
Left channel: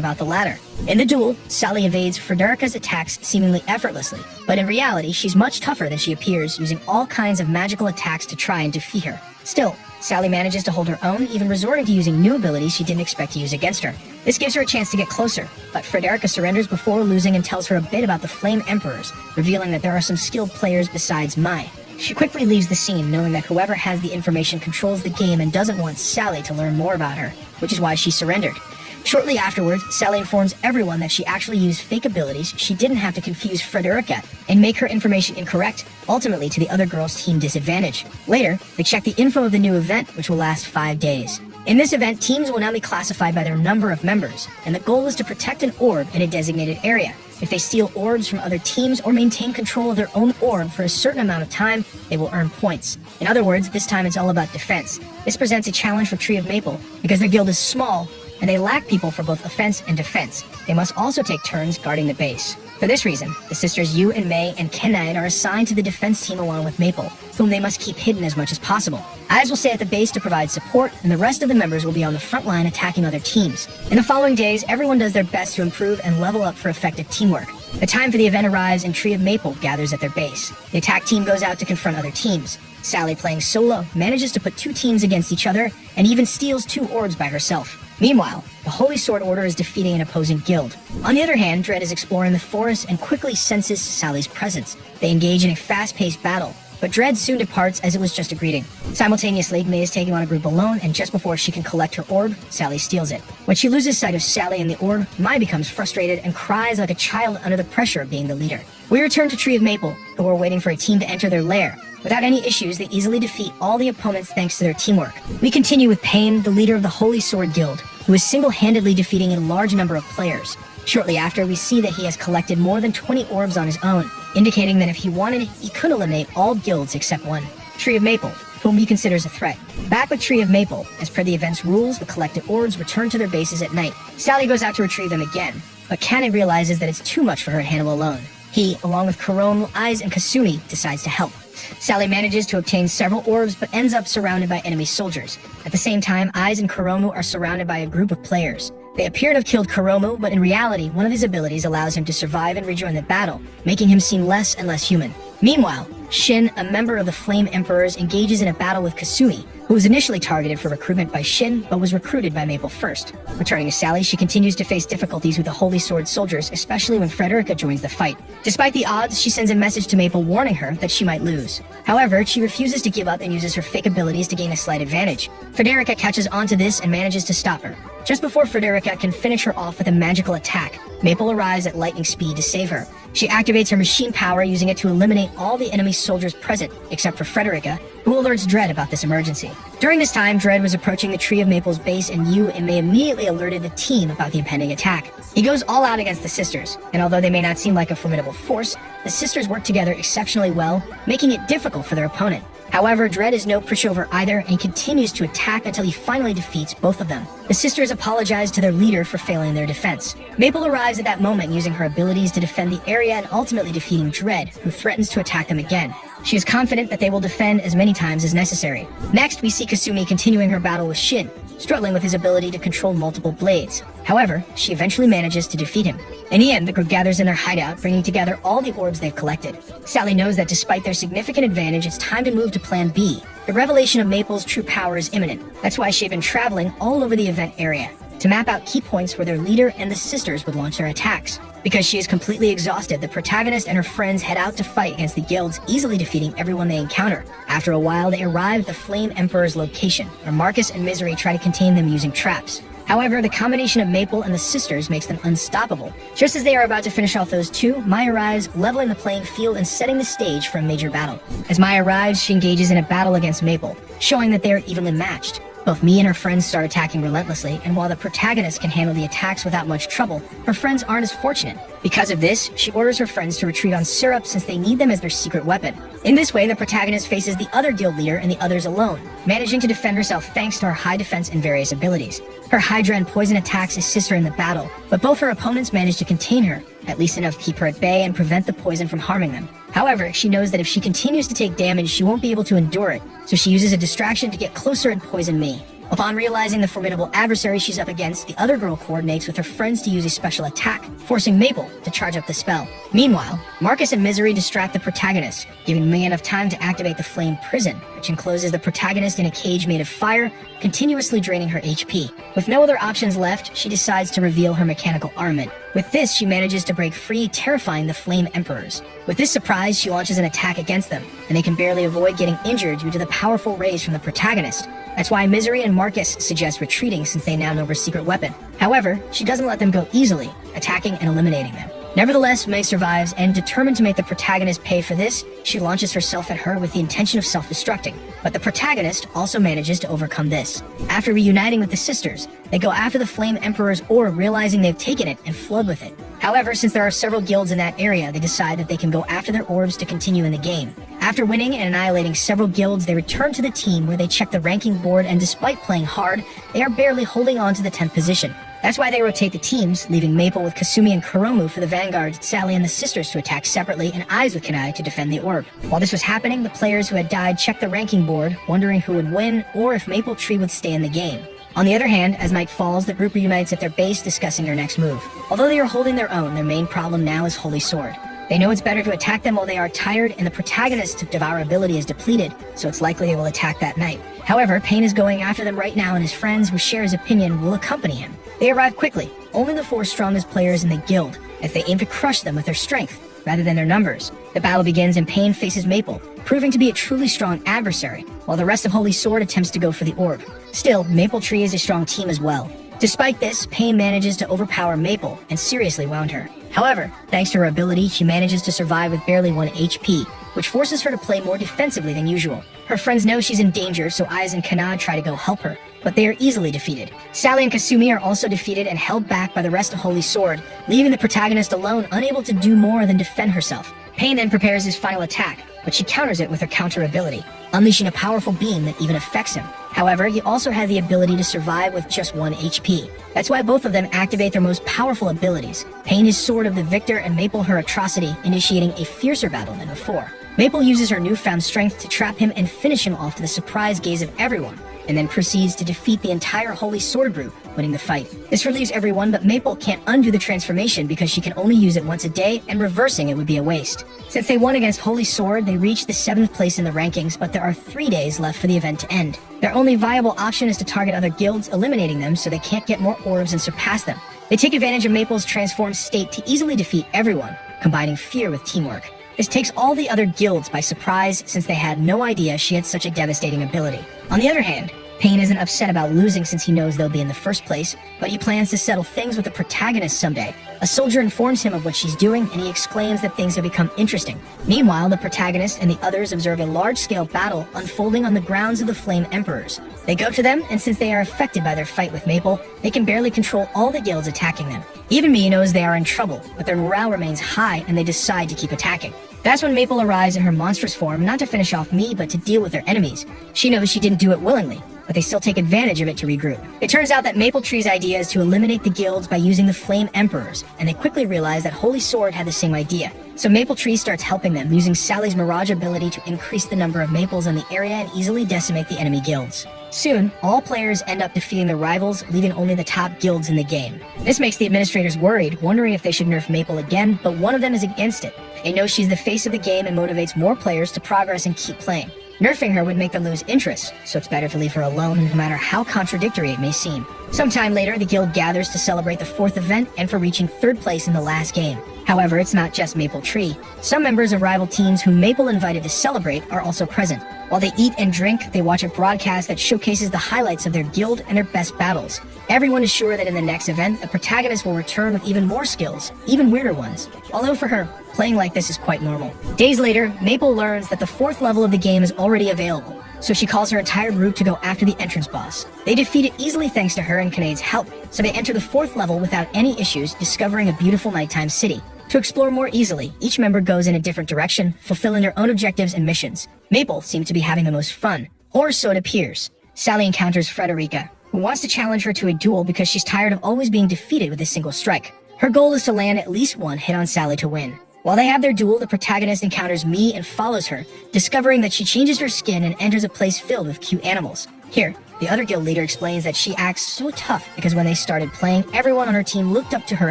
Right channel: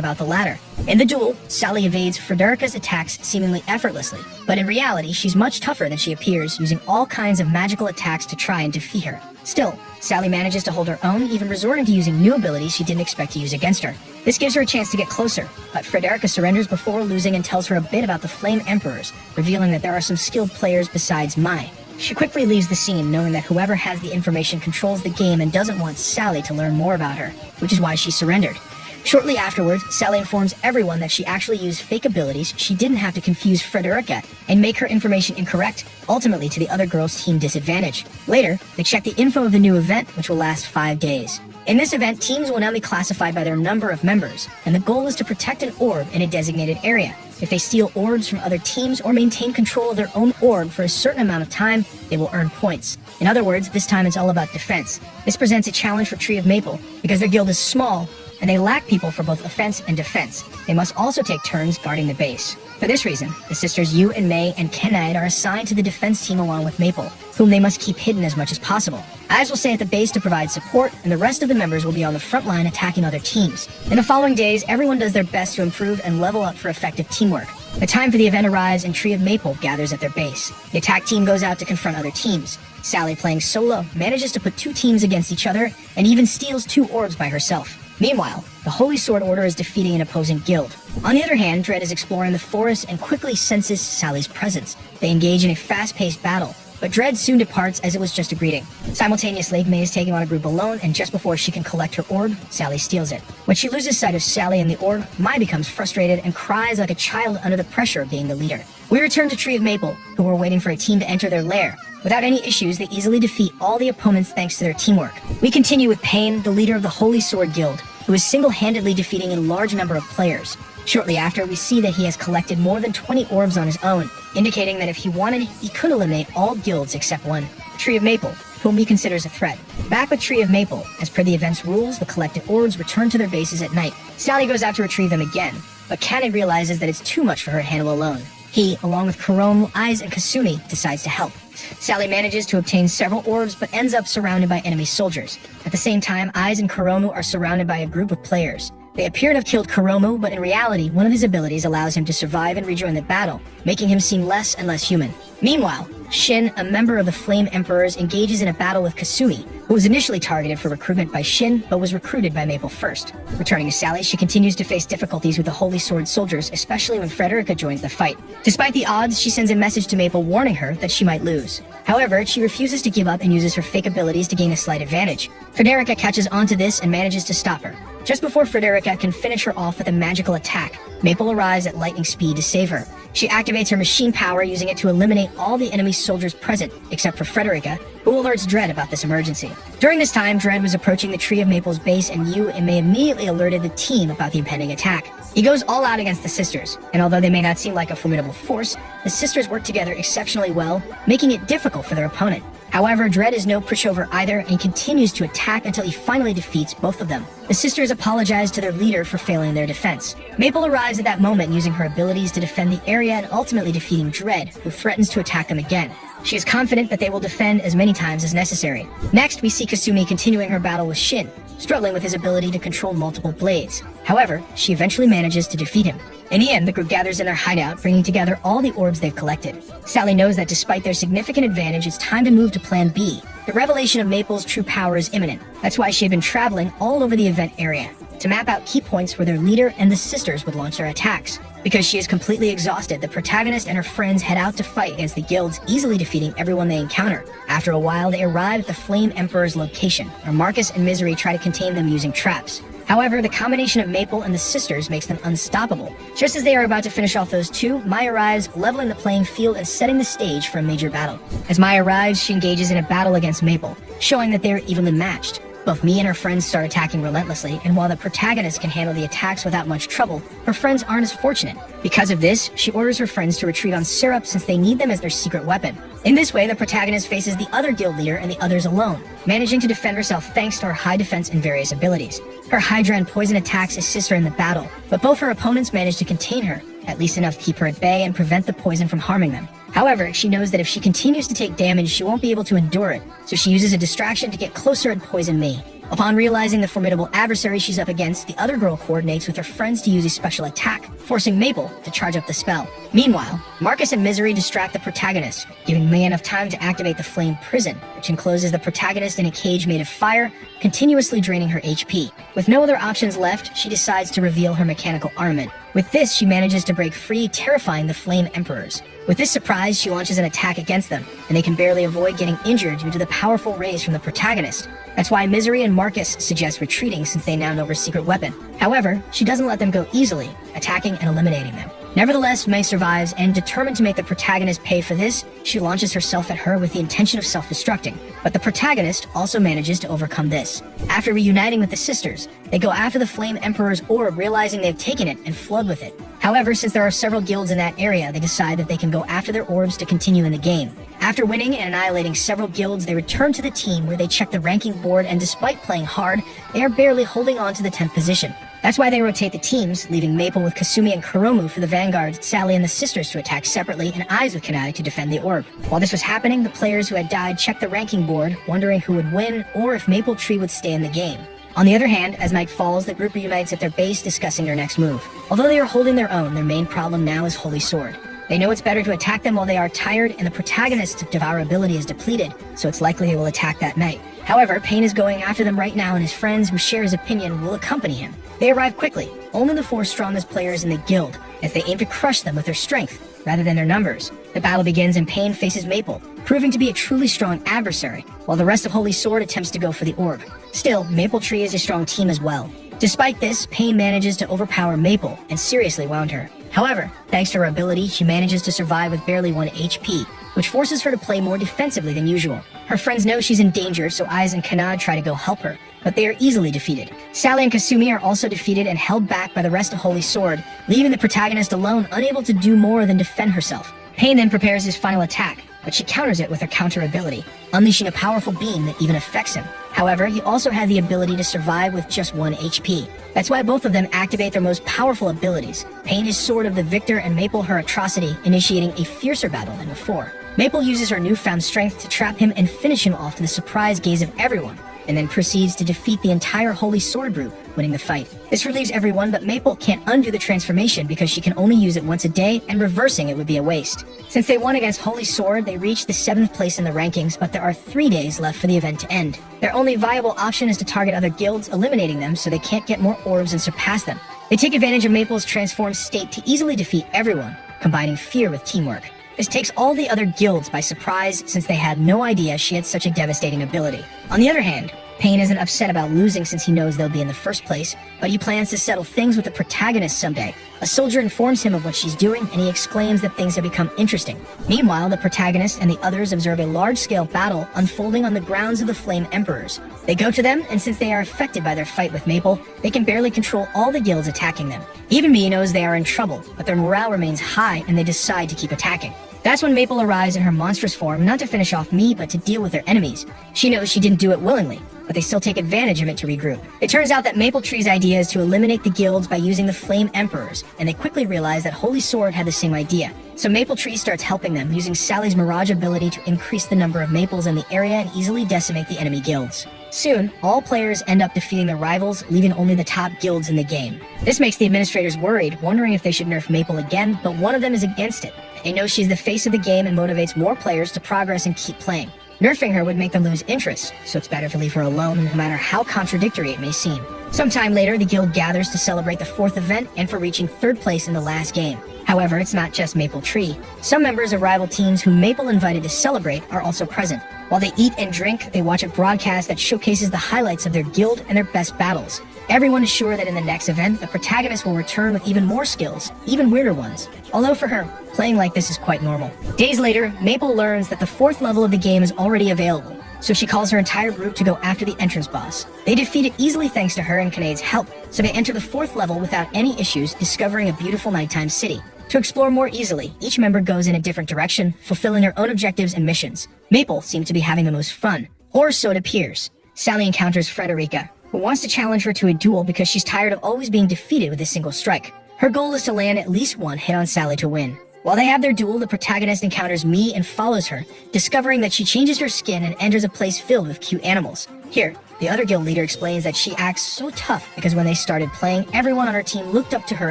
about the latter. In the duel, Sally evades Frederica's attacks seemingly effortlessly, but in reality, she's much tougher than she appears, using all kinds of magical attacks to try and defeat her. Still, Sally manages to hold her own, even resorting to using new abilities she didn't expect to use against her. This gives her a chance to get closer, but Frederica surrenders before losing and tells her a bit about the Flame Emperors, revealing that there are some skilled players besides Mai. She quickly leaves the scene, knowing that whoever has the information controls the game and doesn't want Sally to learn more about her, which is why she surrendered. Shortly afterwards, Sally informs everyone that she actually used fake abilities. She didn't have to confuse Frederica and make her information incorrect, ultimately to the other girls' team disadvantage. Later, they check the info of the new event, which will last 5 days. In this event, teams will now be classified by their number of members, and the goal is to protect an orb in a designated area. If they steal orbs from other teams or maintain control of their own orb for a certain amount of time, they will earn points. In other words, this time it's all about defense. This presents a challenge for Tree of Maple, because their guild is small, and they lack people for both offense and defense. They must also take turns guarding the base. For this reason, the sisters Yu and Mei and Kenad are assigned to the defense team along with Maple, whom they must keep hidden as much as possible. Eyes will stay at the base to provide support, and the rest of the members will be on the front line attacking other teams. In the following days, everyone does their best to improve and level up for effective teamwork. The time for the event arrives and Tree of Maple gathers at their base. The attack team goes out to confront other teams. Sally, playing solo, manages to put 2 teams against each other and even steals 2 orbs by herself. Meanwhile, the Holy Sword Order is defeating an opposing guild. On the other hand, Dread is exploring the forest and quickly senses Sally's presence. They engage in a fast-paced battle, but Dread soon departs as it was just a greeting. Simultaneously, Mei is taking on a group alone, and just before she can collect her orb, Sally steals it. When she loses sight of Sally and the orb, Mai becomes frustrated and cries like a child under the pressure of being the leader. We return to Tree of Maple, who are waiting for a team to enter their lair. Without any issues, they easily defeat all the opponents thanks to their teamwork. We continue with Pain, the leader of the Holy Sword Guild, who is single-handedly defeating a large number of players. Shortly after, we see that he has collected more than 20 orbs on his own, indicating that if he wanted, he could eliminate all guilds except one, Tree of Maple, whom he considers a threat. Back with Tree of Maple, as per the event's rules, the collected orbs return to their bases at night. Sally goes out to retrieve them again, but Kanad realizes that it's too much for her to handle alone. He, along with Kuromu, Eyes, and Kasumi, decides to help. Sally manages to obtain several orbs, but ends up surrounded by enemy soldiers. At the same time, Eyes and Kuromu are surrounded by a group of players. They appear to have killed Kuromu, but in reality, one of his abilities allows him to survive and rejoin the battle, making him seem less and less human. Meanwhile, Shin, a member of the Flame Emperors, engages in a battle with Kasumi, who was initially targeted for recruitment by Shin, but was recruited by Maple first. Returning to Sally, she continues to face difficulties with the Holy Sword soldiers, especially when Frederica joins the fight. Despite the odds, she sends a message to Maple warning her that she might lose. However, she refuses to give up and uses her fake abilities to gain a slight advantage. Frederica catches onto this and manages to stop her. Just before Frederica can finish her off with a magical attack, Maple arrives at lightning speed to save her. She activates her machine power, using it to eliminate all the enemy soldiers present, except for Frederica, who alerts Dread about this emergency. During this time, Dread was approaching the Tree of Maple's base, and Yu and Mei immediately alerted the team about the impending attack. He goes all out against the sisters, and although they may not seem like a formidable force, the sisters work together exceptionally well, making it difficult for their opponent. However, Dread is no pushover either and continues to attack until he finally defeats both of them. The sisters apologize to their leader for failing their defense. Maple arrives at that moment using her abilities to defend the area and ultimately defeating Dread, who threatens to attack them again. She is confident that they will defend as many times as necessary. Next, we see Kasumi continuing her battle with Shin, struggling with his ability to control multiple blades. However, she eventually manages to defeat him. In the end, the group gathers in their hideout, bringing together all the orbs they've collected. Sally knows that despite their significant advantage, it's time to move to Plan B, The revelation of Maple's true power is imminent. That's why she had been traveling all over the event area to map out key points where their leader and the sisters would launch their attacks. Because she is completely exhausted, the protagonist and her friends head out to fight against the guilds, easily defeating everyone they encounter. After a while, they arrive at the Flame Emperor's location, where Marcus and Misery try to contain them using traps. However, the combination of Maple and the sisters makes them unstoppable. Just as they are about to finish off those two, Maya arrives, leveling the playing field and setting the stage for a major battle. As Maya arrives, she engages in a battle against Maple, showing that they are evenly matched. Both Mia and her friends start attacking relentlessly, and while the protagonist can handle the attacks without much trouble, her friends aren't as fortunate. Because of this, she orders her friends to retreat on Syrup since they need them as their secret weapon. In this way, the protagonist faces the other guild leader and the others alone, managing to defend herself thanks to her high defense and various abilities. Her Hydra and Poison attacks his sister in the battle, but both her opponents manage to contain her, at least enough to keep her at bay and prevent the poison from harming them. However, she knows that if she continues to take damage, she won't be able to endure it, so she uses a distraction to get closer and poison me. Upon realizing the formidable adversary she's up against, the other girl coordinates with her friends to use a special attack, forcing Maple to charge up the spell. Meanwhile, Marcus and Misery distract the protagonist, giving May enough time to activate the Flame Prison, which encloses the protagonist in a cage made of fire, continuously draining her HP. With no other options left, she decides to reveal her mechanical armament. With this, she manages to break free, terrifying the Flame Emperors. With this surprise, she launches an attack against them, and they can barely avoid getting injured due to the powerful rays from the protagonist. That's why Misery and Marcus suggest retreating since they now know her secret weapon. However, she doesn't let them go easily, attacking and eliminating them. Nevertheless, May survives, and determined to make the protagonist pay for this, she launches herself at her with the intention of self-destructing. But the protagonist also manages to overcome this. After reuniting with the sisters, they go after the Flame Emperor's orb, realizing they've taken it, and flood with it. However, since there are several guilds in that area, they decide that they can go after their orbs to continue in the game. After winning and annihilating several guilds, they return to the team where they check the ranking board, and despite playing hard, they are barely holding on to the 10th position. That's why they rotate the teams, leaving Maple with Kasumi and Kuromu for the vanguard, Sally and the sisters to attack separately, and Eyes with Kunai to defend the orb. While this was happening, the players who had died checked the ranking board, wondering who would win or if Maple Tree would stay in the game. On the other hand, as night falls, the group reunites at their base, discussing their next move. Although they are holding their own, their main problem now is Holy Sword. They know it's better to attack them while they are tired, and the protagonist's devourability is depleted, so it's likely they will attack that night. However, Pain is going after them right now, and his friends, who share his opinion, will accompany him. They arrive quickly, only the 4 strongest players in the guild, as they aim to crush them with their strength, rather than their numbers. The battle begins, and Pain faces Maple, proving to be a truly strong adversary, while the rest of Holy Sword attempts to go for the orb. Still, Maple Tree is a strong team as well. Despite this, Pain manages to overpower Maple and seriously wound her. However, thanks to her ability, she manages to survive with barely 1 HP, which forces her to play more defensively than usual. Her friends know she's in danger, so Eyes and Kanad try to go help her, but they are easily defeated. Sally and Kasumi are also defeated and held back by the rest of Holy Sword, leaving the protagonist alone, unable to do more than defend herself. Pain then prepares his final attack, but she counters it with her counter ability, unleashing a powerful beam that even affects him. However, he also has the ability to survive with just 1 HP. That's why both of them activate their most powerful abilities. Pain his Sword of the Victor, and Maple her Atrocity, initiating a fiercer battle than before. Maple uses her newfound strength to trap him and finish him off to the surprised gaze of everyone, and then proceeds to defeat the entire Holy Sword group, winning the fight. This relieves everyone, but Maple can't undo the transformation because she can only use it once a day, and reversing it would be a waste. Since they won against Holy Sword, they reach the 7th place in the rankings, but there are 3 days left for the event to end. Their only viable option is to target other guilds, eliminating them so they can't get more orbs and surpass them. They take advantage of Maple's transformed state to easily defeat everyone, combining fear with teamwork. This takes all the other guilds by surprise, since they had no idea she had such a devastating ability. On the other hand, Pain isn't upset about losing since he knows they'll be in the first place, but he plans to settle things with the protagonist someday. A soldier informs him of what she's doing, and he exclaims that things have become interesting. Meanwhile, the protagonist and the others observe a large-scale battle unfolding on the grounds of the Flame Emperors. They go to them, and since they are affected by their fight with Maple, they can barely control all the guilds attacking them. Even Mii knows they are in trouble, but their morale remains high, and they decide to keep attacking. That's when Maple arrives in her monstrous form, not to finish off Mii, but to deal with their enemies. She knows she didn't do it willingly, but they still take advantage of it to regroup. It turns out that Maple Tree's idea is to eliminate the guilds by using the Flame Emperors, and they quickly realize that Holy Sword had the same idea. So Maple Tree starts helping them, using Sally's Mirage ability to increase the number of maples in the area and easily decimate the enemy guilds. Soon, all players end up defeating their rivals, leaving only the top guilds in the game. This makes the administrators worried, wondering if they should nerf Maple again, but one of them is against it. They know she's the face of the game and motivates more players to progress and keep playing. Nerfing her would make them lose interest, so it's better to leave her alone no matter how contradictory it may seem. Sometime later, the guild gathers to celebrate the 4th event and for reaching 3rd place in the last game. However, it's not just Maple Tree. Some members of rival teams whom Maple invited to celebrate are also present. While they eat and drink, they watch a broadcast that showcases the highlights of their guild and their best battles. Everyone is sure that in the next event, the protagonist will return with even more skills, even weirder ones. Although for her, playing like this is quite normal. Days later, Maple learns that the 4th level of the game is already available, so she calls her entire group to go after the entrance boss. They defeat it easily thanks to her and Kane's help, so they enter the 4th level without any issues, discovering a beautiful nighttime city. To explore more easily, each member goes in a different direction, fulfilling their own objectives and missions. Maple seems to be having the most fun, or so it appears. Sally encounters Frederica, who wants to challenge her to a duel because she's tired of always being defeated with a single strike. Her goal is to land at least one hit on Sally to win. While they have their duel, the protagonist encounters Mii and follows her, discovering that she changes her skin and enters a place filled with cute animals. Here, the other guild leader explains that she acts so tough because when they started playing, everyone on her team looked up to her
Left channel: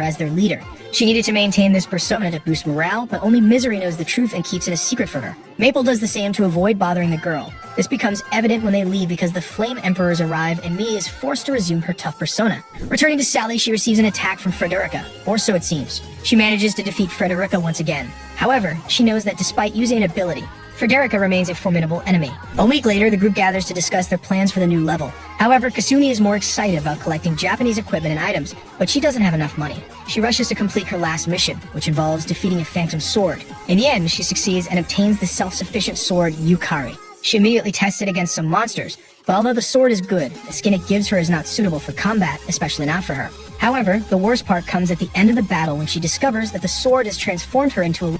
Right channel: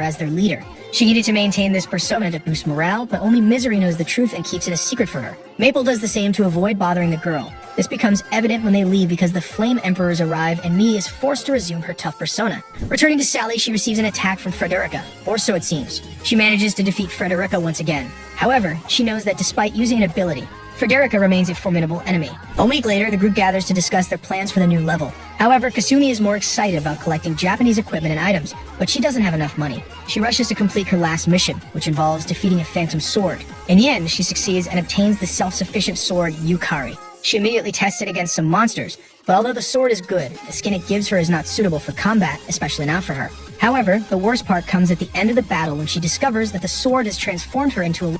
as their leader. She needed to maintain this persona to boost morale, but only Misery knows the truth and keeps it a secret from her. Maple does the same to avoid bothering the girl. This becomes evident when they leave because the Flame Emperors arrive and Mii is forced to resume her tough persona. Returning to Sally, she receives an attack from Frederica, or so it seems. She manages to defeat Frederica once again. However, she knows that despite using an ability, Frederica remains a formidable enemy. A week later, the group gathers to discuss their plans for the new level. However, Kasumi is more excited about collecting Japanese equipment and items, but she doesn't have enough money. She rushes to complete her last mission, which involves defeating a phantom sword. In the end, she succeeds and obtains the self-sufficient sword Yukari. She immediately tests it against some monsters, but although the sword is good, the skin it gives her is not suitable for combat, especially not for her. However, the worst part comes at the end of the battle when she discovers that the sword has transformed her into a...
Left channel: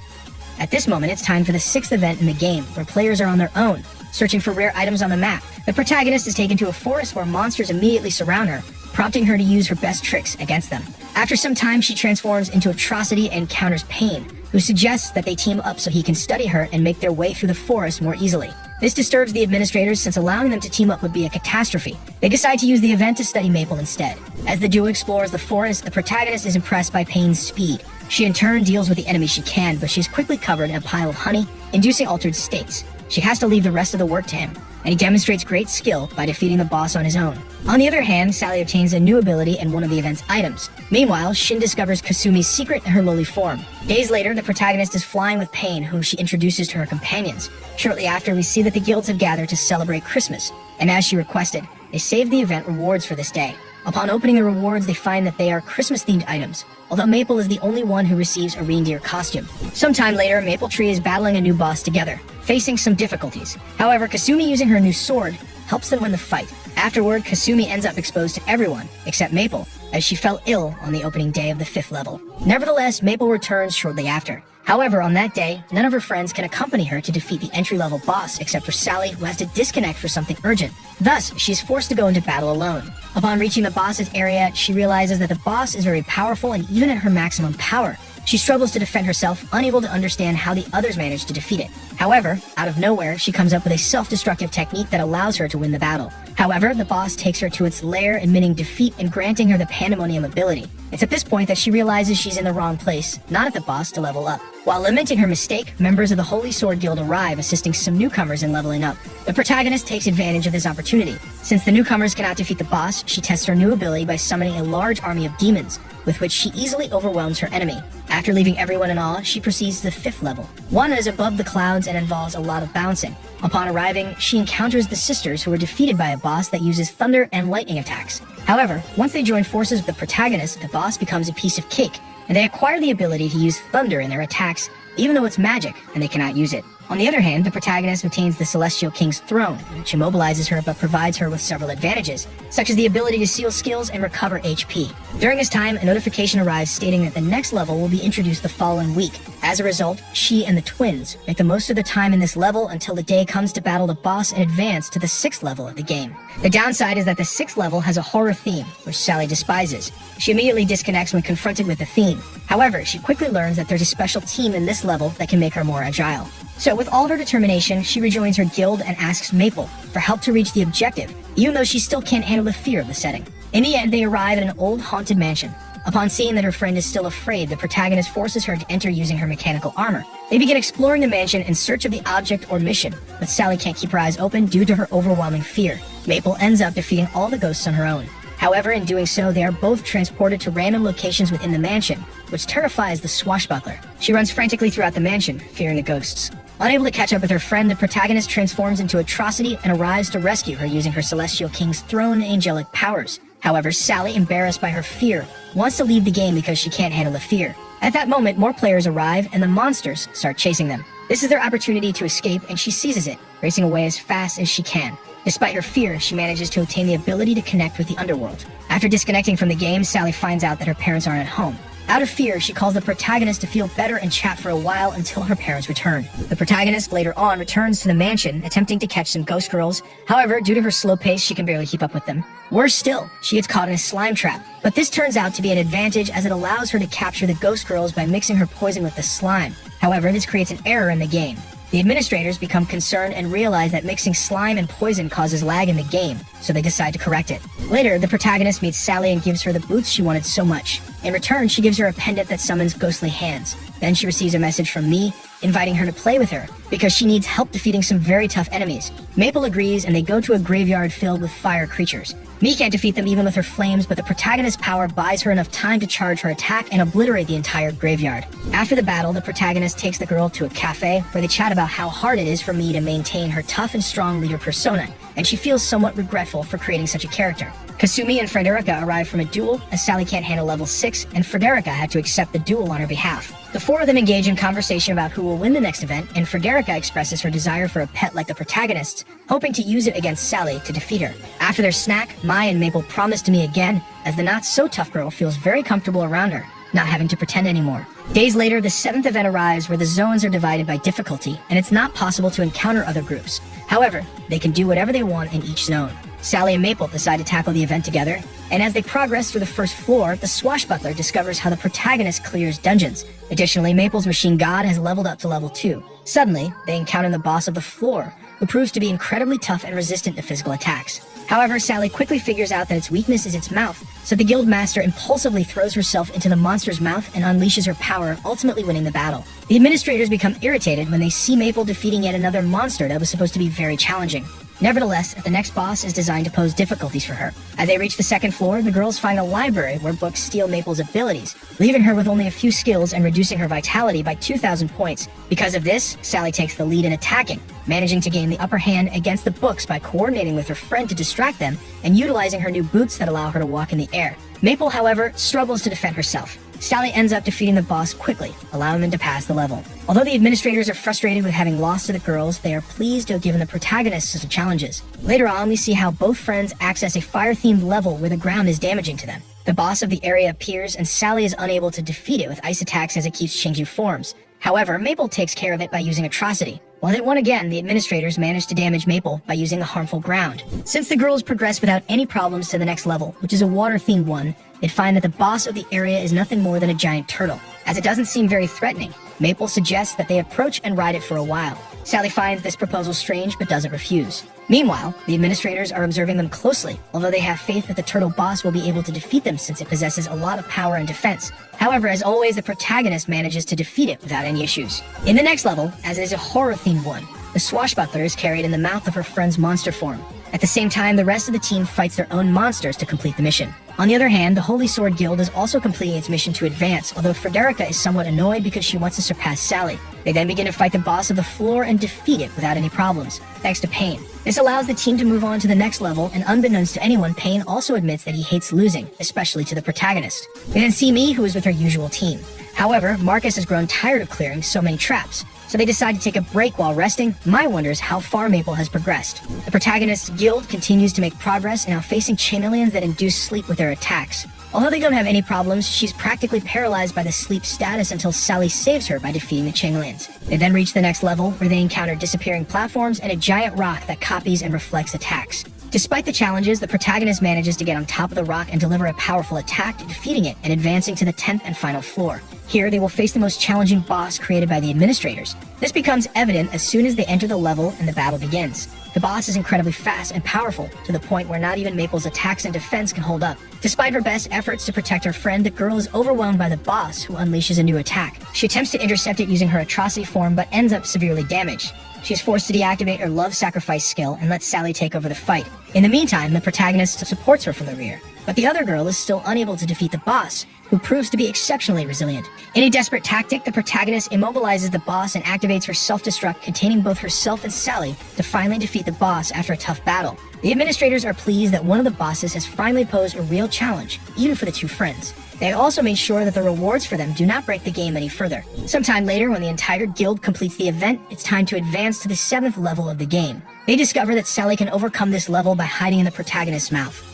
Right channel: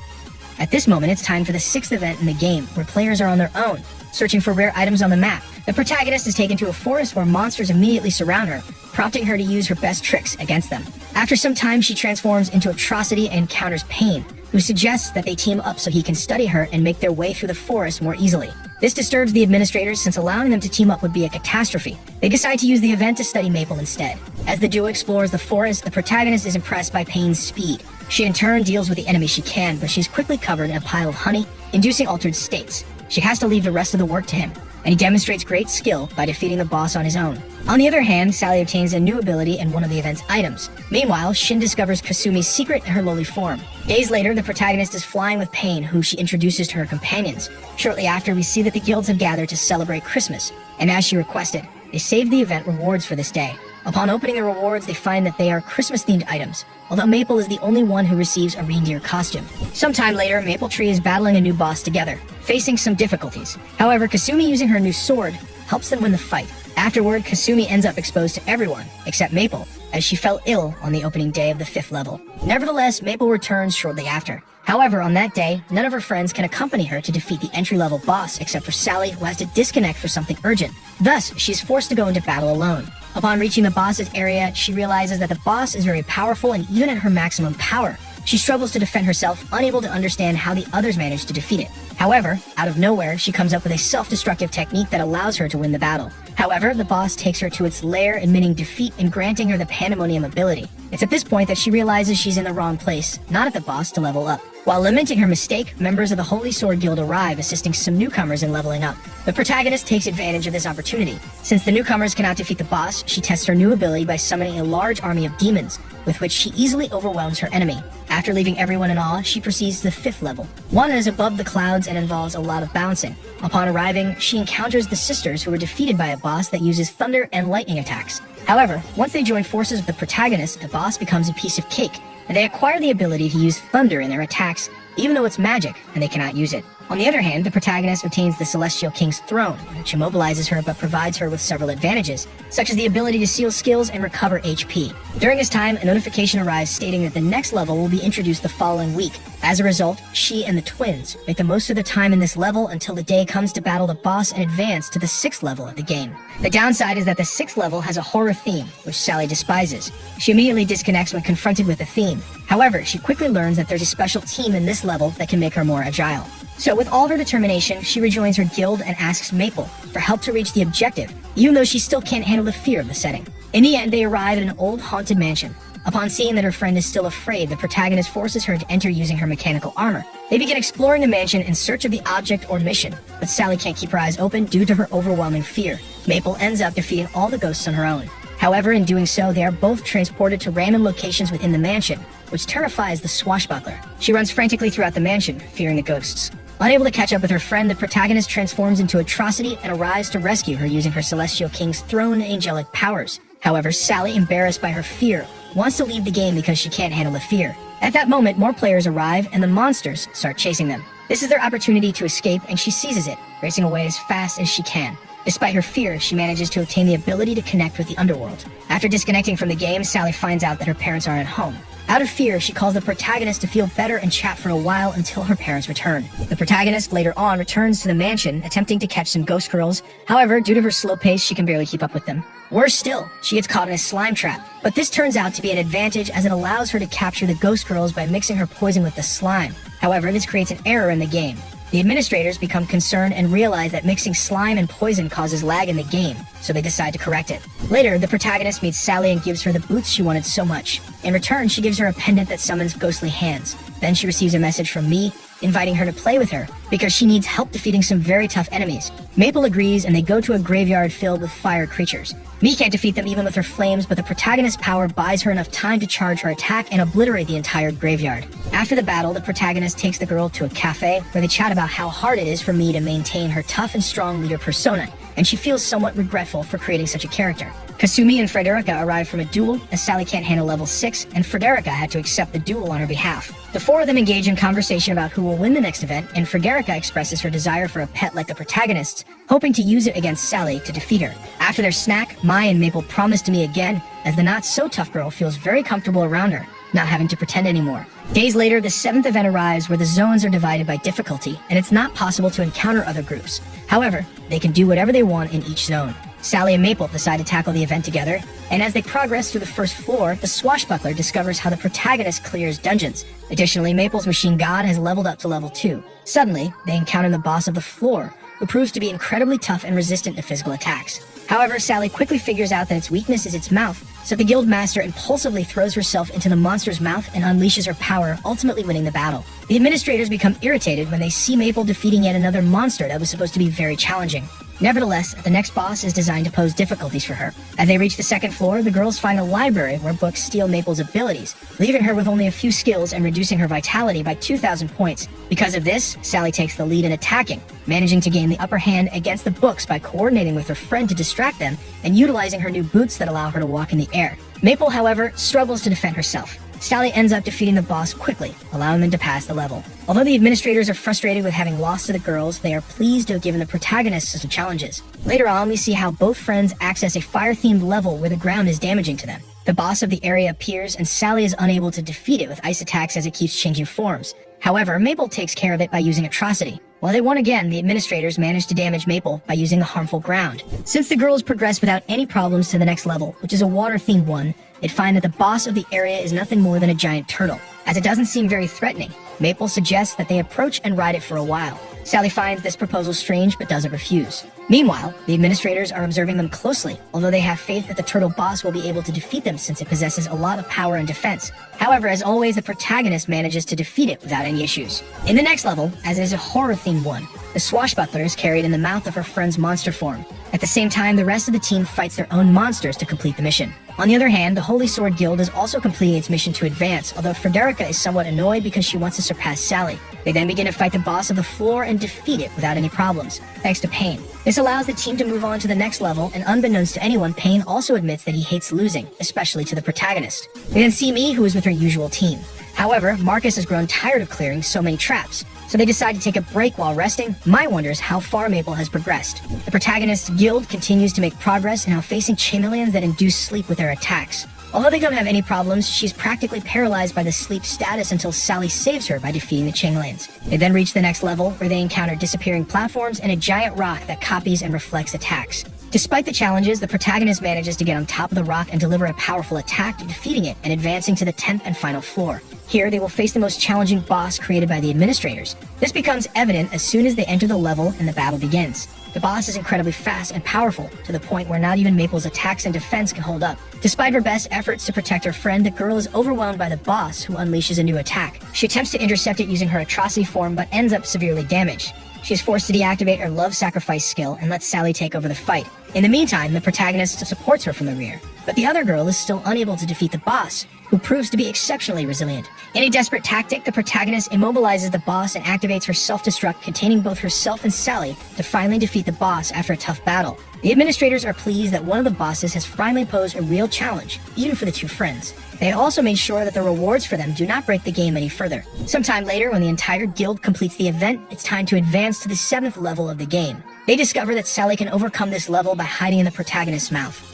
At this moment, it's time for the 6th event in the game, where players are on their own, searching for rare items on the map. The protagonist is taken to a forest where monsters immediately surround her, prompting her to use her best tricks against them. After some time, she transforms into Atrocity and encounters Pain, who suggests that they team up so he can study her and make their way through the forest more easily. This disturbs the administrators since allowing them to team up would be a catastrophe. They decide to use the event to study Maple instead. As the duo explores the forest, the protagonist is impressed by Pain's speed. She in turn deals with the enemy she can, but she's quickly covered in a pile of honey, inducing altered states. She has to leave the rest of the work to him, and he demonstrates great skill by defeating the boss on his own. On the other hand, Sally obtains a new ability in one of the event's items. Meanwhile, Shin discovers Kasumi's secret in her lowly form. Days later, the protagonist is flying with Pain, whom she introduces to her companions. Shortly after, we see that the guilds have gathered to celebrate Christmas, and as she requested, they saved the event rewards for this day. Upon opening the rewards, they find that they are Christmas-themed items, although Maple is the only one who receives a reindeer costume. Sometime later, Maple Tree is battling a new boss together, facing some difficulties. However, Kasumi using her new sword helps them win the fight. Afterward, Kasumi ends up exposed to everyone, except Maple, as she fell ill on the opening day of the 5th level. Nevertheless, Maple returns shortly after. However, on that day, none of her friends can accompany her to defeat the entry-level boss except for Sally, who has to disconnect for something urgent. Thus, she's forced to go into battle alone. Upon reaching the boss's area, she realizes that the boss is very powerful and even at her maximum power. She struggles to defend herself, unable to understand how the others managed to defeat it. However, out of nowhere, she comes up with a self-destructive technique that allows her to win the battle. However, the boss takes her to its lair, admitting defeat and granting her the Pandemonium ability. It's at this point that she realizes she's in the wrong place, not at the boss, to level up. While lamenting her mistake, members of the Holy Sword Guild arrive, assisting some newcomers in leveling up. The protagonist takes advantage of this opportunity. Since the newcomers cannot defeat the boss, she tests her new ability by summoning a large army of demons, with which she easily overwhelms her enemy. After leaving everyone in awe, she proceeds to the 5th level, one that is above the clouds and involves a lot of bouncing. Upon arriving, she encounters the sisters, who are defeated by a boss that uses thunder and lightning attacks. However, once they join forces with the protagonist, the boss becomes a piece of cake, and they acquire the ability to use thunder in their attacks, even though it's magic and they cannot use it. On the other hand, the protagonist obtains the Celestial King's throne, which immobilizes her but provides her with several advantages, such as the ability to seal skills and recover HP. During this time, a notification arrives stating that the next level will be introduced the following week. As a result, she and the twins make the most of the time in this level until the day comes to battle the boss and advance to the 6th level of the game. The downside is that the 6th level has a horror theme, which Sally despises. She immediately disconnects when confronted with the theme. However, she quickly learns that there's a special team in this level that can make her more agile. So with all of her determination, she rejoins her guild and asks Maple for help to reach the objective, even though she still can't handle the fear of the setting. In the end, they arrive at an old haunted mansion. Upon seeing that her friend is still afraid, the protagonist forces her to enter using her mechanical armor. They begin exploring the mansion in search of the object or mission, but Sally can't keep her eyes open due to her overwhelming fear. Maple ends up defeating all the ghosts on her own. However, in doing so, they are both transported to random locations within the mansion, which terrifies the swashbuckler. She runs frantically throughout the mansion, fearing the ghosts. Unable to catch up with her friend, the protagonist transforms into Atrocity and arrives to rescue her using her Celestial King's throne and angelic powers. However, Sally, embarrassed by her fear, wants to leave the game because she can't handle the fear. At that moment, more players arrive and the monsters start chasing them. This is their opportunity to escape, and she seizes it, racing away as fast as she can. Despite her fear, she manages to obtain the ability to connect with the underworld. After disconnecting from the game, Sally finds out that her parents are at home. Out of fear, she calls the protagonist to feel better and chat for a while until her parents return. The protagonist later on returns to the mansion, attempting to catch some ghost girls. However, due to her slow pace, she can barely keep up with them. Worse still, she gets caught in a slime trap. But this turns out to be an advantage as it allows her to capture the ghost girls by mixing her poison with the slime. However, this creates an error in the game. The administrators become concerned and realize that mixing slime and poison causes lag in the game, so they decide to correct it. Later, the protagonist meets Sally and gives her the boots she wanted so much. In return, she gives her a pendant that summons ghostly hands. Then she receives a message from me, inviting her to play with her, because she needs help defeating some very tough enemies. Maple agrees, and they go to a graveyard filled with fire creatures. Me can't defeat them even with her flames, but the protagonist's power buys her enough time to charge her attack and obliterate the entire graveyard. After the battle, the protagonist takes the girl to a cafe, where they chat about how hard it is for me to maintain her tough and strong leader persona, and she feels somewhat regretful for creating such a character. Kasumi and Frederica arrive from a duel, as Sally can't handle level 6, and Frederica had to accept the duel on her behalf. The four of them engage in conversation about who will win the next event, and Frederica expresses her desire for a pet like the protagonists, hoping to use it against Sally to defeat her. After their snack, Mai and Maple promise to meet again, as the not-so-tough girl feels very comfortable around her, not having to pretend anymore. Days later, the 7th event arrives where the zones are divided by difficulty, and it's not possible to encounter other groups. However, they can do whatever they want in each zone. Sally and Maple decide to tackle the event together, and as they progress through the first floor, the swashbuckler discovers how the protagonist clears dungeons. Additionally, Maple's machine god has leveled up to level 2. Suddenly, they encounter the boss of the floor, who proves to be incredibly tough and resistant to physical attacks. However, Sally quickly figures out that its weakness is its mouth, so the guildmaster impulsively throws herself into the monster's mouth and unleashes her power, ultimately winning the battle. The administrators become irritated when they see Maple defeating yet another monster that was supposed to be very challenging. Nevertheless, the next boss is designed to pose difficulties for her. As they reach the 2nd floor, the girls find a library where books steal Maple's abilities, leaving her with only a few skills and reducing her vitality by 2,000 points. Because of this, Sally takes the lead in attacking, managing to gain the upper hand against the books by coordinating with her friend to distract them and utilizing her new boots that allow her to walk in the air. Maple, however, struggles to defend herself. Sally ends up defeating the boss quickly, allowing them to pass the level. Although the administrators are frustrated with having lost to the girls, they are pleased to have given the protagonists some challenges. Later on, we see how both friends access a fire-themed level where the ground is damaging to them. The boss of the area appears, and Sally is unable to defeat it with ice attacks as it keeps changing forms. However, Maple takes care of it by using Atrocity. When they won again, the administrators managed to damage Maple by using the harmful ground. Since the girls progress without any problems to the next level, which is a water-themed one, they'd find that the boss of the area is nothing more than a giant turtle. As it doesn't seem very threatening, Maple suggests that they approach and ride it for a while. Sally finds this proposal strange but doesn't refuse. Meanwhile, the administrators are observing them closely, although they have faith that the turtle boss will be able to defeat them since it possesses a lot of power and defense. However, as always, the protagonist manages to defeat it without any issues. In the next level, as it is a horror-themed one, the swashbuckler is carried in the mouth of her friend's monster form. At the same time, the rest of the team fights their own monsters to complete the mission. On the other hand, the Holy Sword Guild is also completing its mission to advance, although Frederica is somewhat annoyed because she wants to surpass Sally. They then begin to fight the boss of the floor and defeat it without any problems, thanks to Pain. This allows the team to move on to the next level, and unbeknownst to anyone, Pain also admits that he hates losing, especially to the protagonist. They then see me, who is with her usual team. However, Marcus has grown tired of clearing so many traps, so they decide to take a break while resting. Mai wonders how far Maple has progressed. The protagonist's guild continues to make progress, now facing chameleons that induce sleep with their attacks. Although they don't have any problems, she's practically paralyzed by the sleep status until Sally saves her by defeating the chameleons. They then reach the next level, where they encounter disappearing platforms and a giant rock that copies and reflects attacks. Despite the challenges, the protagonist manages to get on top of the rock and deliver a powerful attack, defeating it and advancing to the 10th and final floor. Here, they will face the most challenging boss created by the administrators. This becomes evident as soon as they enter the level and the battle begins. The boss is incredibly fast and powerful, to the point where not even Maple's attacks and defense can hold up. Despite her best efforts to protect her friend, the girl is overwhelmed by the boss, who unleashes a new attack. She attempts to intercept it using her atrocity form, but ends up severely damaged. She is forced to deactivate her love sacrifice skill and lets Sally take over the fight. In the meantime, the protagonist supports her from the rear. But the other girl is still unable to defeat the boss, who proves to be exceptionally resilient. In a desperate tactic, the protagonist immobilizes the boss and activates her self-destruct containing both herself and Sally to finally defeat the boss after a tough battle. The administrators are pleased that one of the bosses has finally posed a real challenge, even for the two friends. They have also made sure that the rewards for them do not break the game any further. Sometime later, when the entire guild completes the event, it's time to advance to the 7th level of the game. They discover that Sally can overcome this level by hiding in the protagonist's mouth.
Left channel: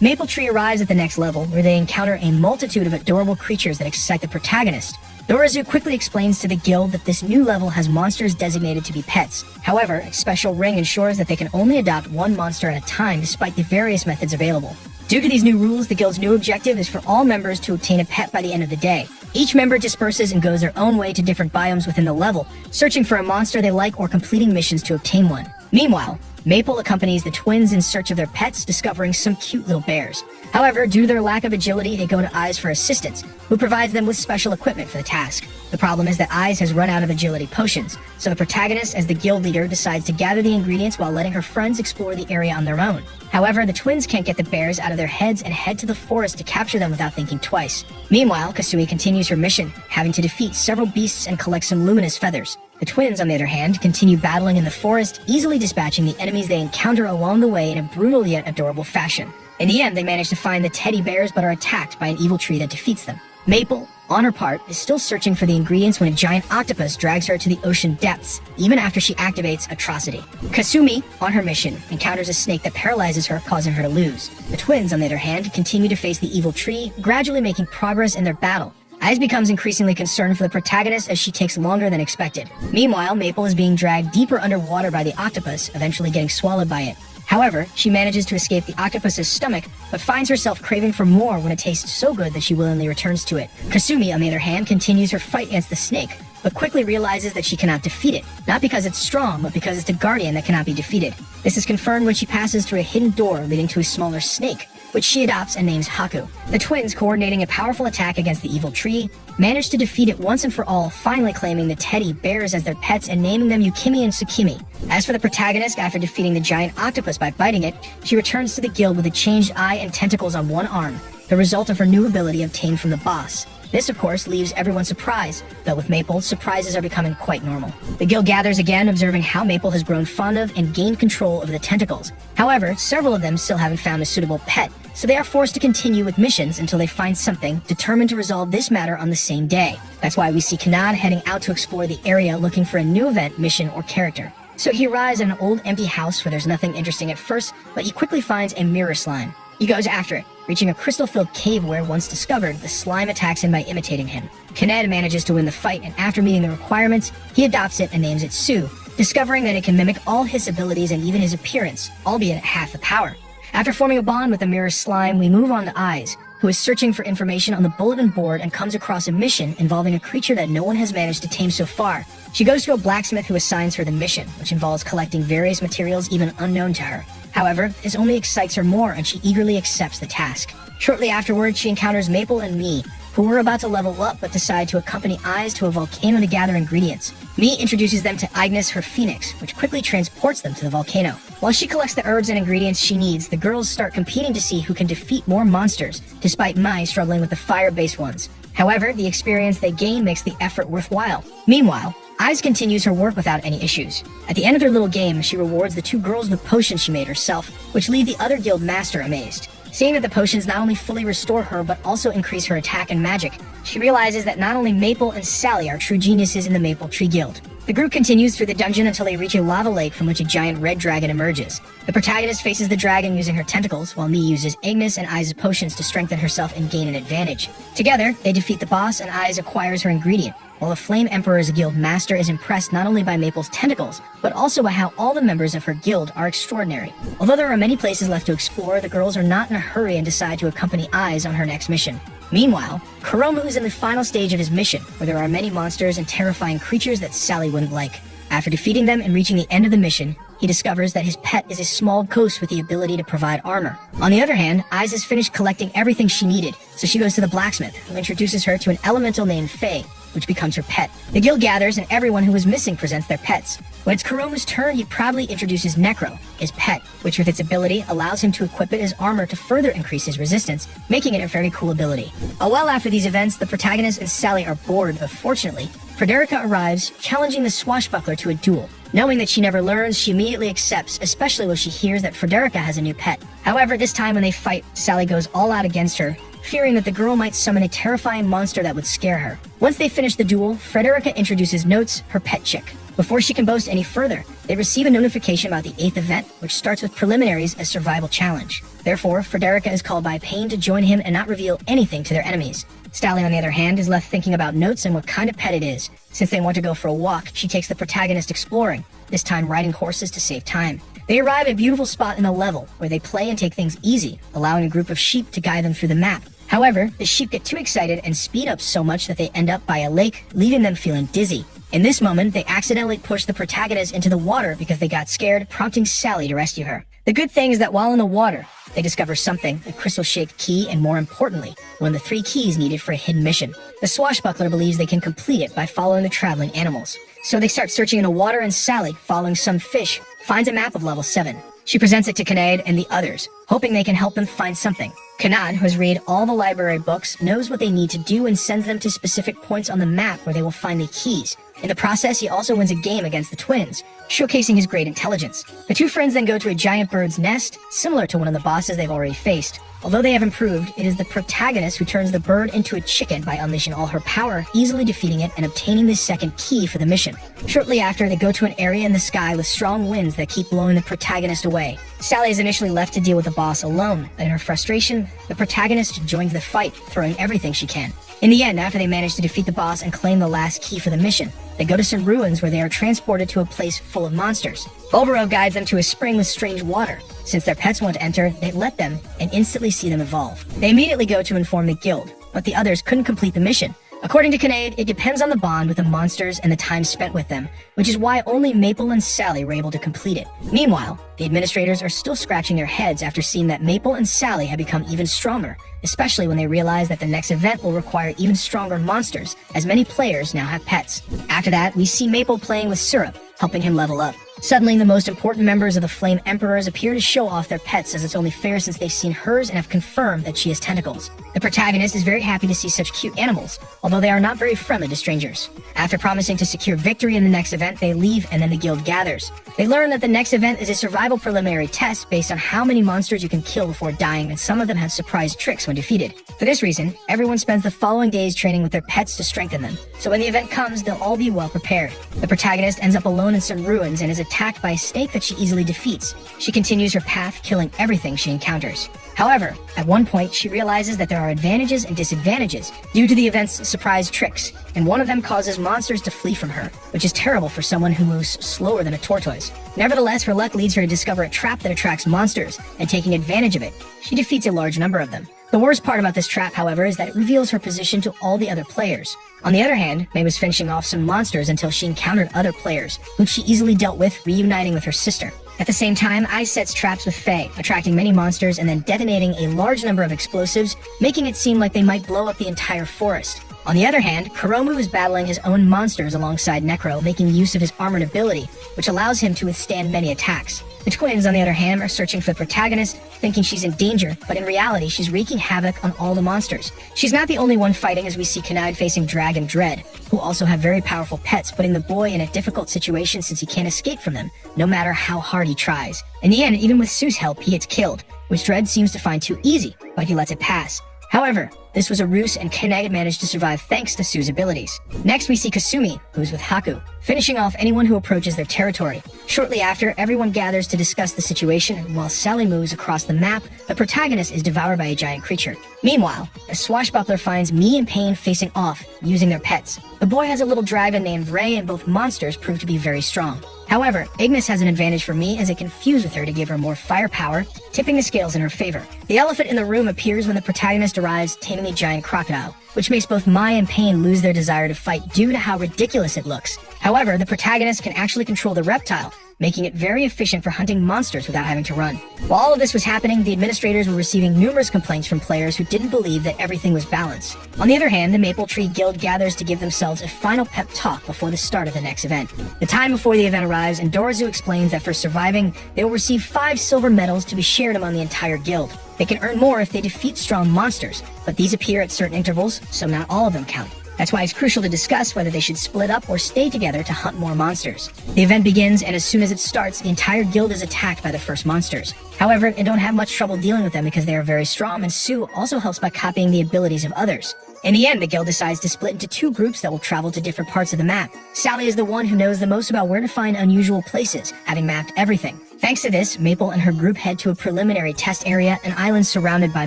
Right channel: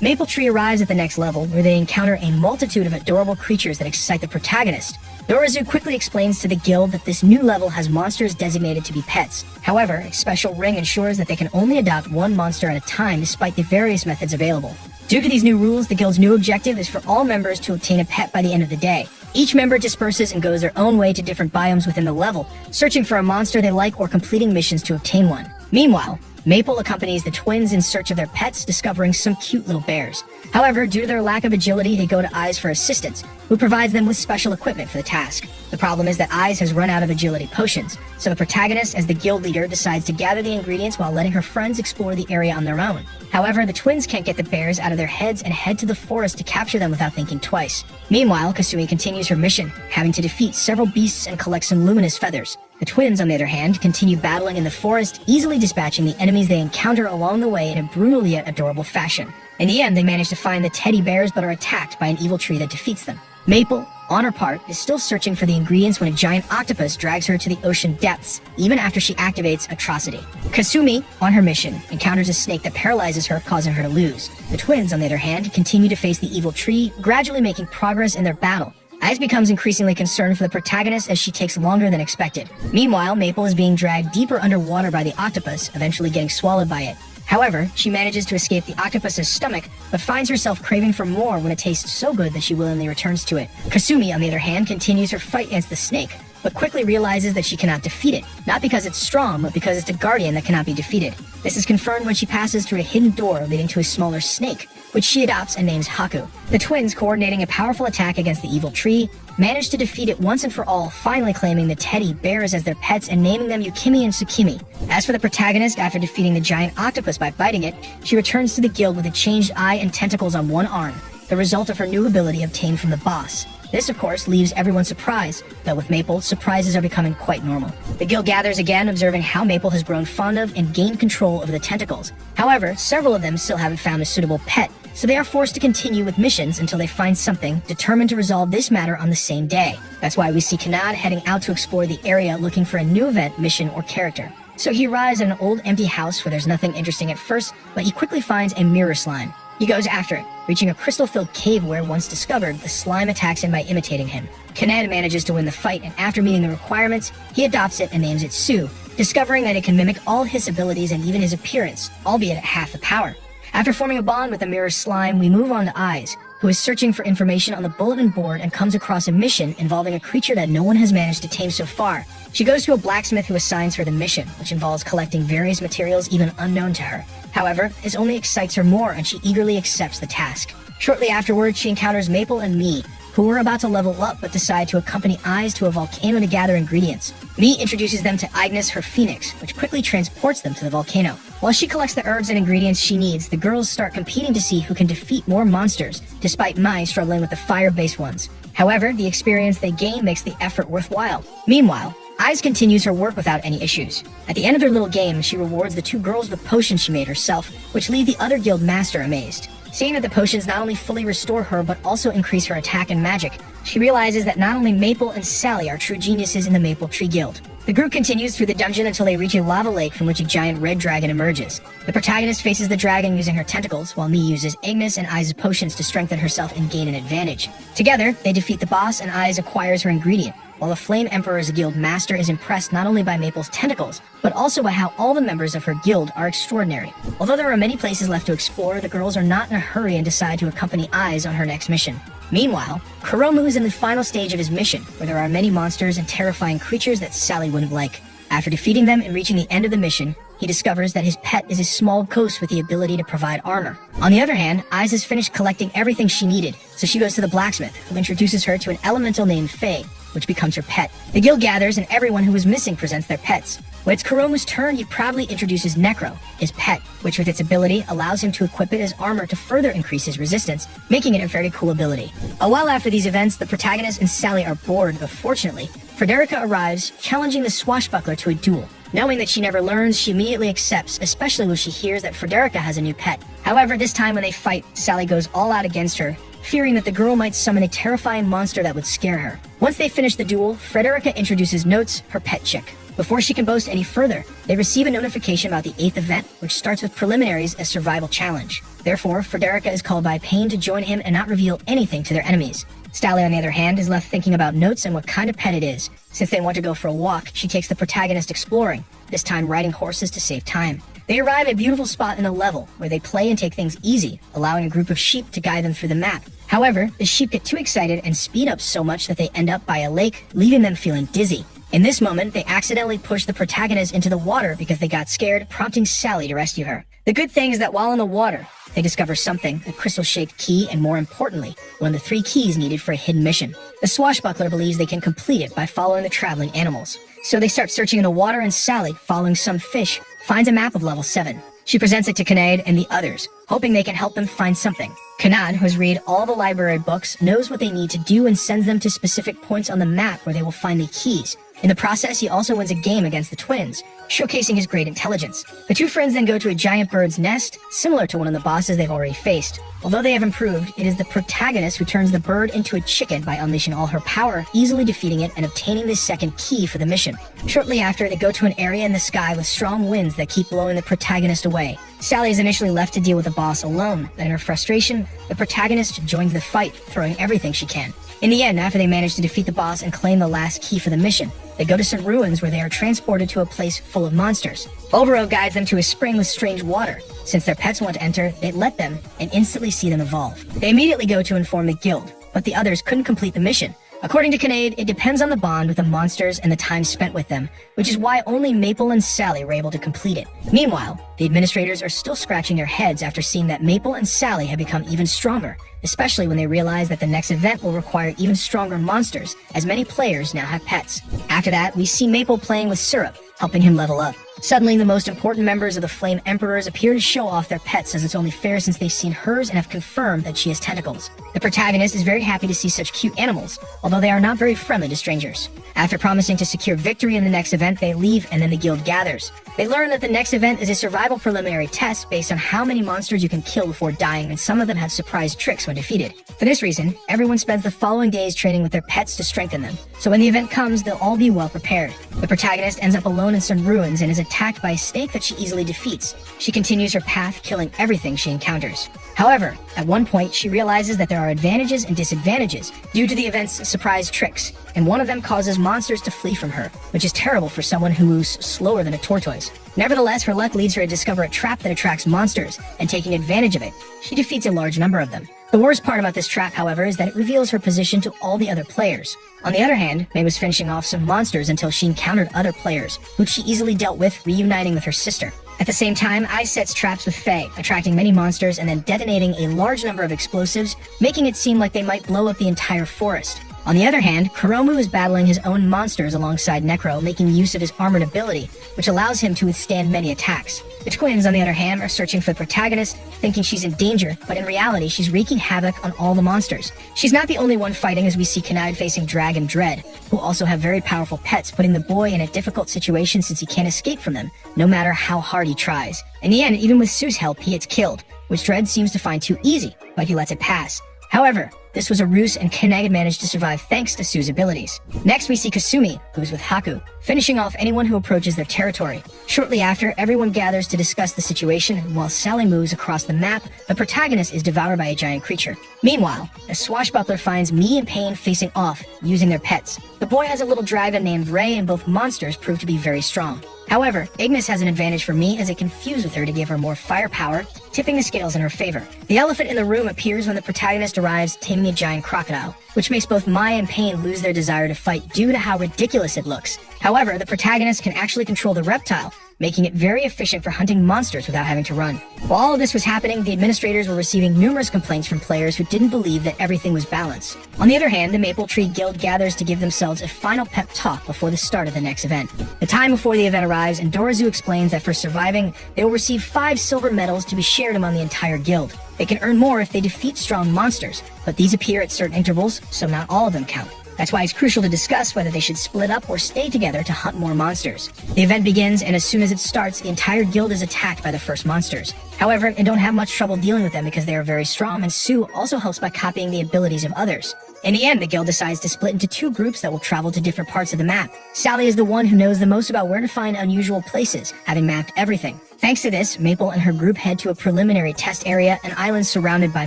Maple Tree arrives at the next level, where they encounter a multitude of adorable creatures that excite the protagonist. Dorizu quickly explains to the guild that this new level has monsters designated to be pets. However, a special ring ensures that they can only adopt one monster at a time despite the various methods available. Due to these new rules, the guild's new objective is for all members to obtain a pet by the end of the day. Each member disperses and goes their own way to different biomes within the level, searching for a monster they like or completing missions to obtain one. Meanwhile, Maple accompanies the twins in search of their pets, discovering some cute little bears. However, due to their lack of agility, they go to Eyes for assistance, who provides them with special equipment for the task. The problem is that Eyes has run out of agility potions, so the protagonist, as the guild leader, decides to gather the ingredients while letting her friends explore the area on their own. However, the twins can't get the bears out of their heads and head to the forest to capture them without thinking twice. Meanwhile, Kasumi continues her mission, having to defeat several beasts and collect some luminous feathers. The twins, on the other hand, continue battling in the forest, easily dispatching the enemies they encounter along the way in a brutal yet adorable fashion. In the end, they manage to find the teddy bears but are attacked by an evil tree that defeats them. Maple, on her part, is still searching for the ingredients when a giant octopus drags her to the ocean depths, even after she activates Atrocity. Kasumi, on her mission, encounters a snake that paralyzes her, causing her to lose. The twins, on the other hand, continue to face the evil tree, gradually making progress in their battle. Eyes becomes increasingly concerned for the protagonist as she takes longer than expected. Meanwhile, Maple is being dragged deeper underwater by the octopus, eventually getting swallowed by it. However, she manages to escape the octopus's stomach, but finds herself craving for more when it tastes so good that she willingly returns to it. Kasumi, on the other hand, continues her fight against the snake, but quickly realizes that she cannot defeat it, not because it's strong, but because it's a guardian that cannot be defeated. This is confirmed when she passes through a hidden door leading to a smaller snake, which she adopts and names Haku. The twins, coordinating a powerful attack against the evil tree, manage to defeat it once and for all, finally claiming the teddy bears as their pets and naming them Yukimi and Tsukimi. As for the protagonist, after defeating the giant octopus by biting it, she returns to the guild with a changed eye and tentacles on one arm, the result of her new ability obtained from the boss. This, of course, leaves everyone surprised, but with Maple, surprises are becoming quite normal. The guild gathers again, observing how Maple has grown fond of and gained control over the tentacles. However, several of them still haven't found a suitable pet, so they are forced to continue with missions until they find something, determined to resolve this matter on the same day. That's why we see Kanad heading out to explore the area looking for a new event, mission, or character. So he arrives at an old empty house where there's nothing interesting at first, but he quickly finds a mirror slime. He goes after it, reaching a crystal-filled cave where, once discovered, the slime attacks him by imitating him. Kaned manages to win the fight, and after meeting the requirements, he adopts it and names it Sue, discovering that it can mimic all his abilities and even his appearance, albeit at half the power. After forming a bond with the mirror slime, we move on to Eyes, who is searching for information on the bulletin board and comes across a mission involving a creature that no one has managed to tame so far. She goes to a blacksmith who assigns her the mission, which involves collecting various materials even unknown to her. However, this only excites her more, and she eagerly accepts the task. Shortly afterwards, she encounters Maple and Me, who are about to level up but decide to accompany Eyes to a volcano to gather ingredients. Me introduces them to Ignis, her phoenix, which quickly transports them to the volcano. While she collects the herbs and ingredients she needs, the girls start competing to see who can defeat more monsters, despite Mai struggling with the fire-based ones. However, the experience they gain makes the effort worthwhile. Meanwhile, Eyes continues her work without any issues. At the end of their little game, she rewards the two girls with potions she made herself, which leave the other guild master amazed. Seeing that the potions not only fully restore her, but also increase her attack and magic, she realizes that not only Maple and Sally are true geniuses in the Maple Tree Guild. The group continues through the dungeon until they reach a lava lake from which a giant red dragon emerges. The protagonist faces the dragon using her tentacles, while Mii uses Ignis and Eyes' potions to strengthen herself and gain an advantage. Together, they defeat the boss, and Eyes acquires her ingredient, while the Flame Emperor's guild master is impressed not only by Maple's tentacles, but also by how all the members of her guild are extraordinary. Although there are many places left to explore, the girls are not in a hurry and decide to accompany Eyes on her next mission. Meanwhile, Kuromu is in the final stage of his mission, where there are many monsters and terrifying creatures that Sally wouldn't like. After defeating them and reaching the end of the mission, he discovers that his pet is a small ghost with the ability to provide armor. On the other hand, Eyes has finished collecting everything she needed, so she goes to the blacksmith, who introduces her to an elemental named Faye, which becomes her pet. The guild gathers and everyone who was missing presents their pets. When it's Kuromu's turn, he proudly introduces Necro, his pet, which with its ability allows him to equip it as armor to further increase his resistance, making it a very cool ability. A while after these events, the protagonist and Sally are bored, but fortunately, Frederica arrives, challenging the swashbuckler to a duel. Knowing that she never learns, she immediately accepts, especially when she hears that Frederica has a new pet. However, this time when they fight, Sally goes all out against her, fearing that the girl might summon a terrifying monster that would scare her. Once they finish the duel, Frederica introduces Notes, her pet chick. Before she can boast any further, they receive a notification about the 8th event, which starts with preliminaries as survival challenge. Therefore, Frederica is called by Pain to join him and not reveal anything to their enemies. Sally, on the other hand, is left thinking about Notes and what kind of pet it is. Since they want to go for a walk, she takes the protagonist exploring, this time riding horses to save time. They arrive at a beautiful spot in the level, where they play and take things easy, allowing a group of sheep to guide them through the map. However, the sheep get too excited and speed up so much that they end up by a lake, leaving them feeling dizzy. In this moment, they accidentally push the protagonist into the water because they got scared, prompting Sally to rescue her. The good thing is that while in the water, they discover something, a crystal-shaped key, and more importantly, one of the 3 keys needed for a hidden mission. The swashbuckler believes they can complete it by following the traveling animals. So they start searching in the water, and Sally, following some fish, finds a map of level 7. She presents it to Kanade and the others, hoping they can help them find something. Kanade, who has read all the library books, knows what they need to do and sends them to specific points on the map where they will find the keys. In the process, he also wins a game against the twins, showcasing his great intelligence. The 2 friends then go to a giant bird's nest, similar to one of the bosses they've already faced. Although they have improved, it is the protagonist who turns the bird into a chicken by unleashing all her power, easily defeating it and obtaining the 2nd key for the mission. Shortly after, they go to an area in the sky with strong winds that keep blowing the protagonist away. Sally is initially left to deal with the boss alone, but in her frustration, the protagonist joins the fight, throwing everything she can. In the end, after they manage to defeat the boss and claim the last key for the mission, they go to some ruins where they are transported to a place full of monsters. Bulbero guides them to a spring with strange water. Since their pets want to enter, they let them and instantly see them evolve. They immediately go to inform the guild, but the others couldn't complete the mission. According to Kanade, it depends on the bond with the monsters and the time spent with them, which is why only Maple and Sally were able to complete it. Meanwhile, the administrators are still scratching their heads after seeing that Maple and Sally have become even stronger, especially when they realize that the next event will require even stronger monsters, as many players now have pets. After that, we see Maple playing with Syrup, helping him level up. Suddenly, the most important members of the Flame Emperors appear to show off their pets, as it's only fair since they've seen hers and have confirmed that she has tentacles. The protagonist is very happy to see such cute animals, although they are not very friendly to strangers. After promising to secure victory in the next event, they leave and then the guild gathers. They learn that the next event is a survival preliminary test based on how many monsters you can kill before dying, and some of them have surprise tricks when defeated. For this reason, everyone spends the following days training with their pets to strengthen them, so when the event comes, they'll all be well prepared. The protagonist ends up alone in some ruins and is attacked by a snake that she easily defeats. She continues her path, killing everything she encounters. However, at one point, she realizes that there are advantages and disadvantages due to the event's surprise tricks, and one of them causes monsters to flee from her, which is terrible for someone who moves slower than a tortoise. Nevertheless, her luck leads her to discover a trap that attracts monsters, and taking advantage of it, she defeats a large number of them. The worst part about this trap, however, is that it reveals her position to all the other players. On the other hand, May was finishing off some monsters until she encountered other players, whom she easily dealt with, reuniting with her sister. At the same time, Ice sets traps with Faye, attracting many monsters and then detonating a large number of explosives, making it seem like they might blow up the entire forest. On the other hand, Kuromu is battling his own monsters alongside Necro, making use of his armored ability, which allows him to withstand many attacks. The twins, on the other hand, are searching for the protagonist, thinking she's in danger, but in reality, she's wreaking havoc on all the monsters. She's not the only one fighting, as we see Kanade facing Drag and Dread, who also have very powerful pets, putting the boy in a difficult situation since he can't escape from them, no matter how hard he tries. In the end, even with Sue's help, he gets killed, which Dread seems to find too easy, but he lets it pass. However, This was a ruse, and Kanagi managed to survive thanks to Sue's abilities. Next, we see Kasumi, who's with Haku, finishing off anyone who approaches their territory. Shortly after, everyone gathers to discuss the situation, and while Sally moves across the map, the protagonist is devoured by a giant creature. Meanwhile, a swashbuckler finds Mii and Pain facing off, using their pets. The boy has a little dragon named Ray, and both monsters prove to be very strong. However, Ignis has an advantage for Mii as it can fuse with her to give her more firepower, tipping the scales in her favor. The elephant in the room appears when the protagonist arrives, taming a giant crocodile, which makes both Mai and Pain lose their desire to fight due to how ridiculous it looks. However, the protagonist can actually control the reptile, making it very efficient for hunting monsters without having to run. While all of this was happening, the administrators were receiving numerous complaints from players who didn't believe that everything was balanced. On the other hand, the Maple Tree Guild gathers to give themselves a final pep talk before the start of the next event. The time before the event arrives, and Dorozu explains that for surviving, they will receive 5 silver medals to be shared among the entire guild. They can earn more if they defeat strong monsters, but these appear at certain intervals, so not all of them count. That's why it's crucial to discuss whether they should split up or stay together to hunt more monsters. The event begins, and as soon as it starts, the entire guild is attacked by the first monsters. However, they don't have much trouble dealing with them because they are very strong, and Sue also helps by copying the abilities of others. In the end, the guild decides to split into 2 groups that will travel to different parts of the map. Sally is the one who knows the most about where to find unusual places, having mapped everything. Thanks to this, Maple and her group head to a preliminary test area, an island surrounded by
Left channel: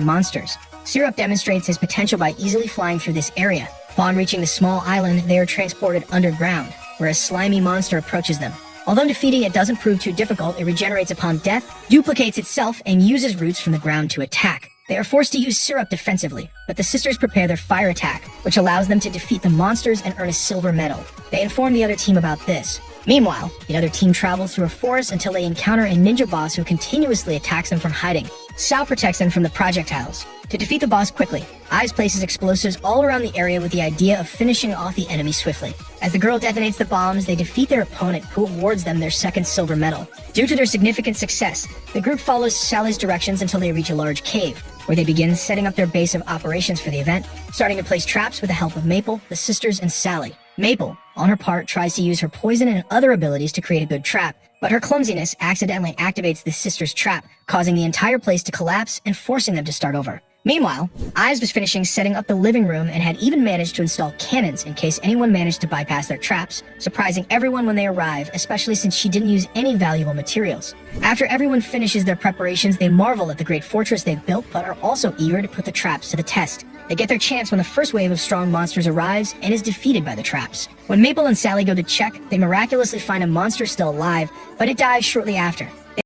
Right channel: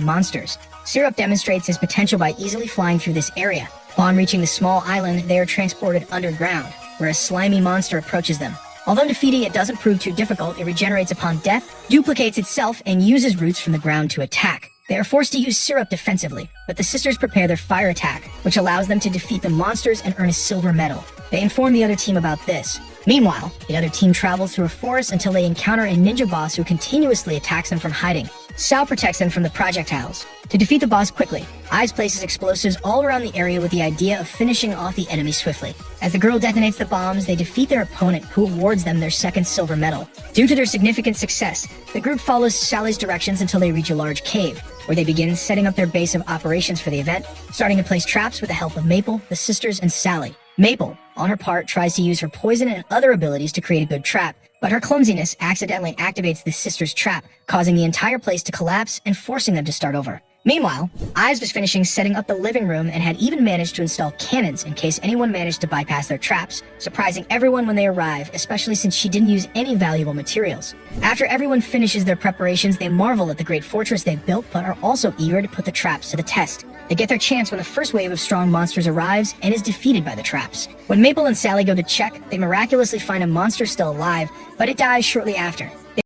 monsters. Syrup demonstrates his potential by easily flying through this area. Upon reaching the small island, they are transported underground, where a slimy monster approaches them. Although defeating it doesn't prove too difficult, it regenerates upon death, duplicates itself, and uses roots from the ground to attack. They are forced to use Syrup defensively, but the sisters prepare their fire attack, which allows them to defeat the monsters and earn a silver medal. They inform the other team about this. Meanwhile, the other team travels through a forest until they encounter a ninja boss who continuously attacks them from hiding. Sal protects them from the projectiles. To defeat the boss quickly, Eyes places explosives all around the area with the idea of finishing off the enemy swiftly. As the girl detonates the bombs, they defeat their opponent, who awards them their 2nd silver medal. Due to their significant success, the group follows Sally's directions until they reach a large cave, where they begin setting up their base of operations for the event, starting to place traps with the help of Maple, the sisters, and Sally. Maple, on her part, tries to use her poison and other abilities to create a good trap, but her clumsiness accidentally activates the sisters' trap, causing the entire place to collapse and forcing them to start over. Meanwhile, Eyes was finishing setting up the living room and had even managed to install cannons in case anyone managed to bypass their traps, surprising everyone when they arrive, especially since she didn't use any valuable materials. After everyone finishes their preparations, they marvel at the great fortress they've built, but are also eager to put the traps to the test. They get their chance when the first wave of strong monsters arrives and is defeated by the traps. When Maple and Sally go to check, they miraculously find a monster still alive, but it dies shortly after.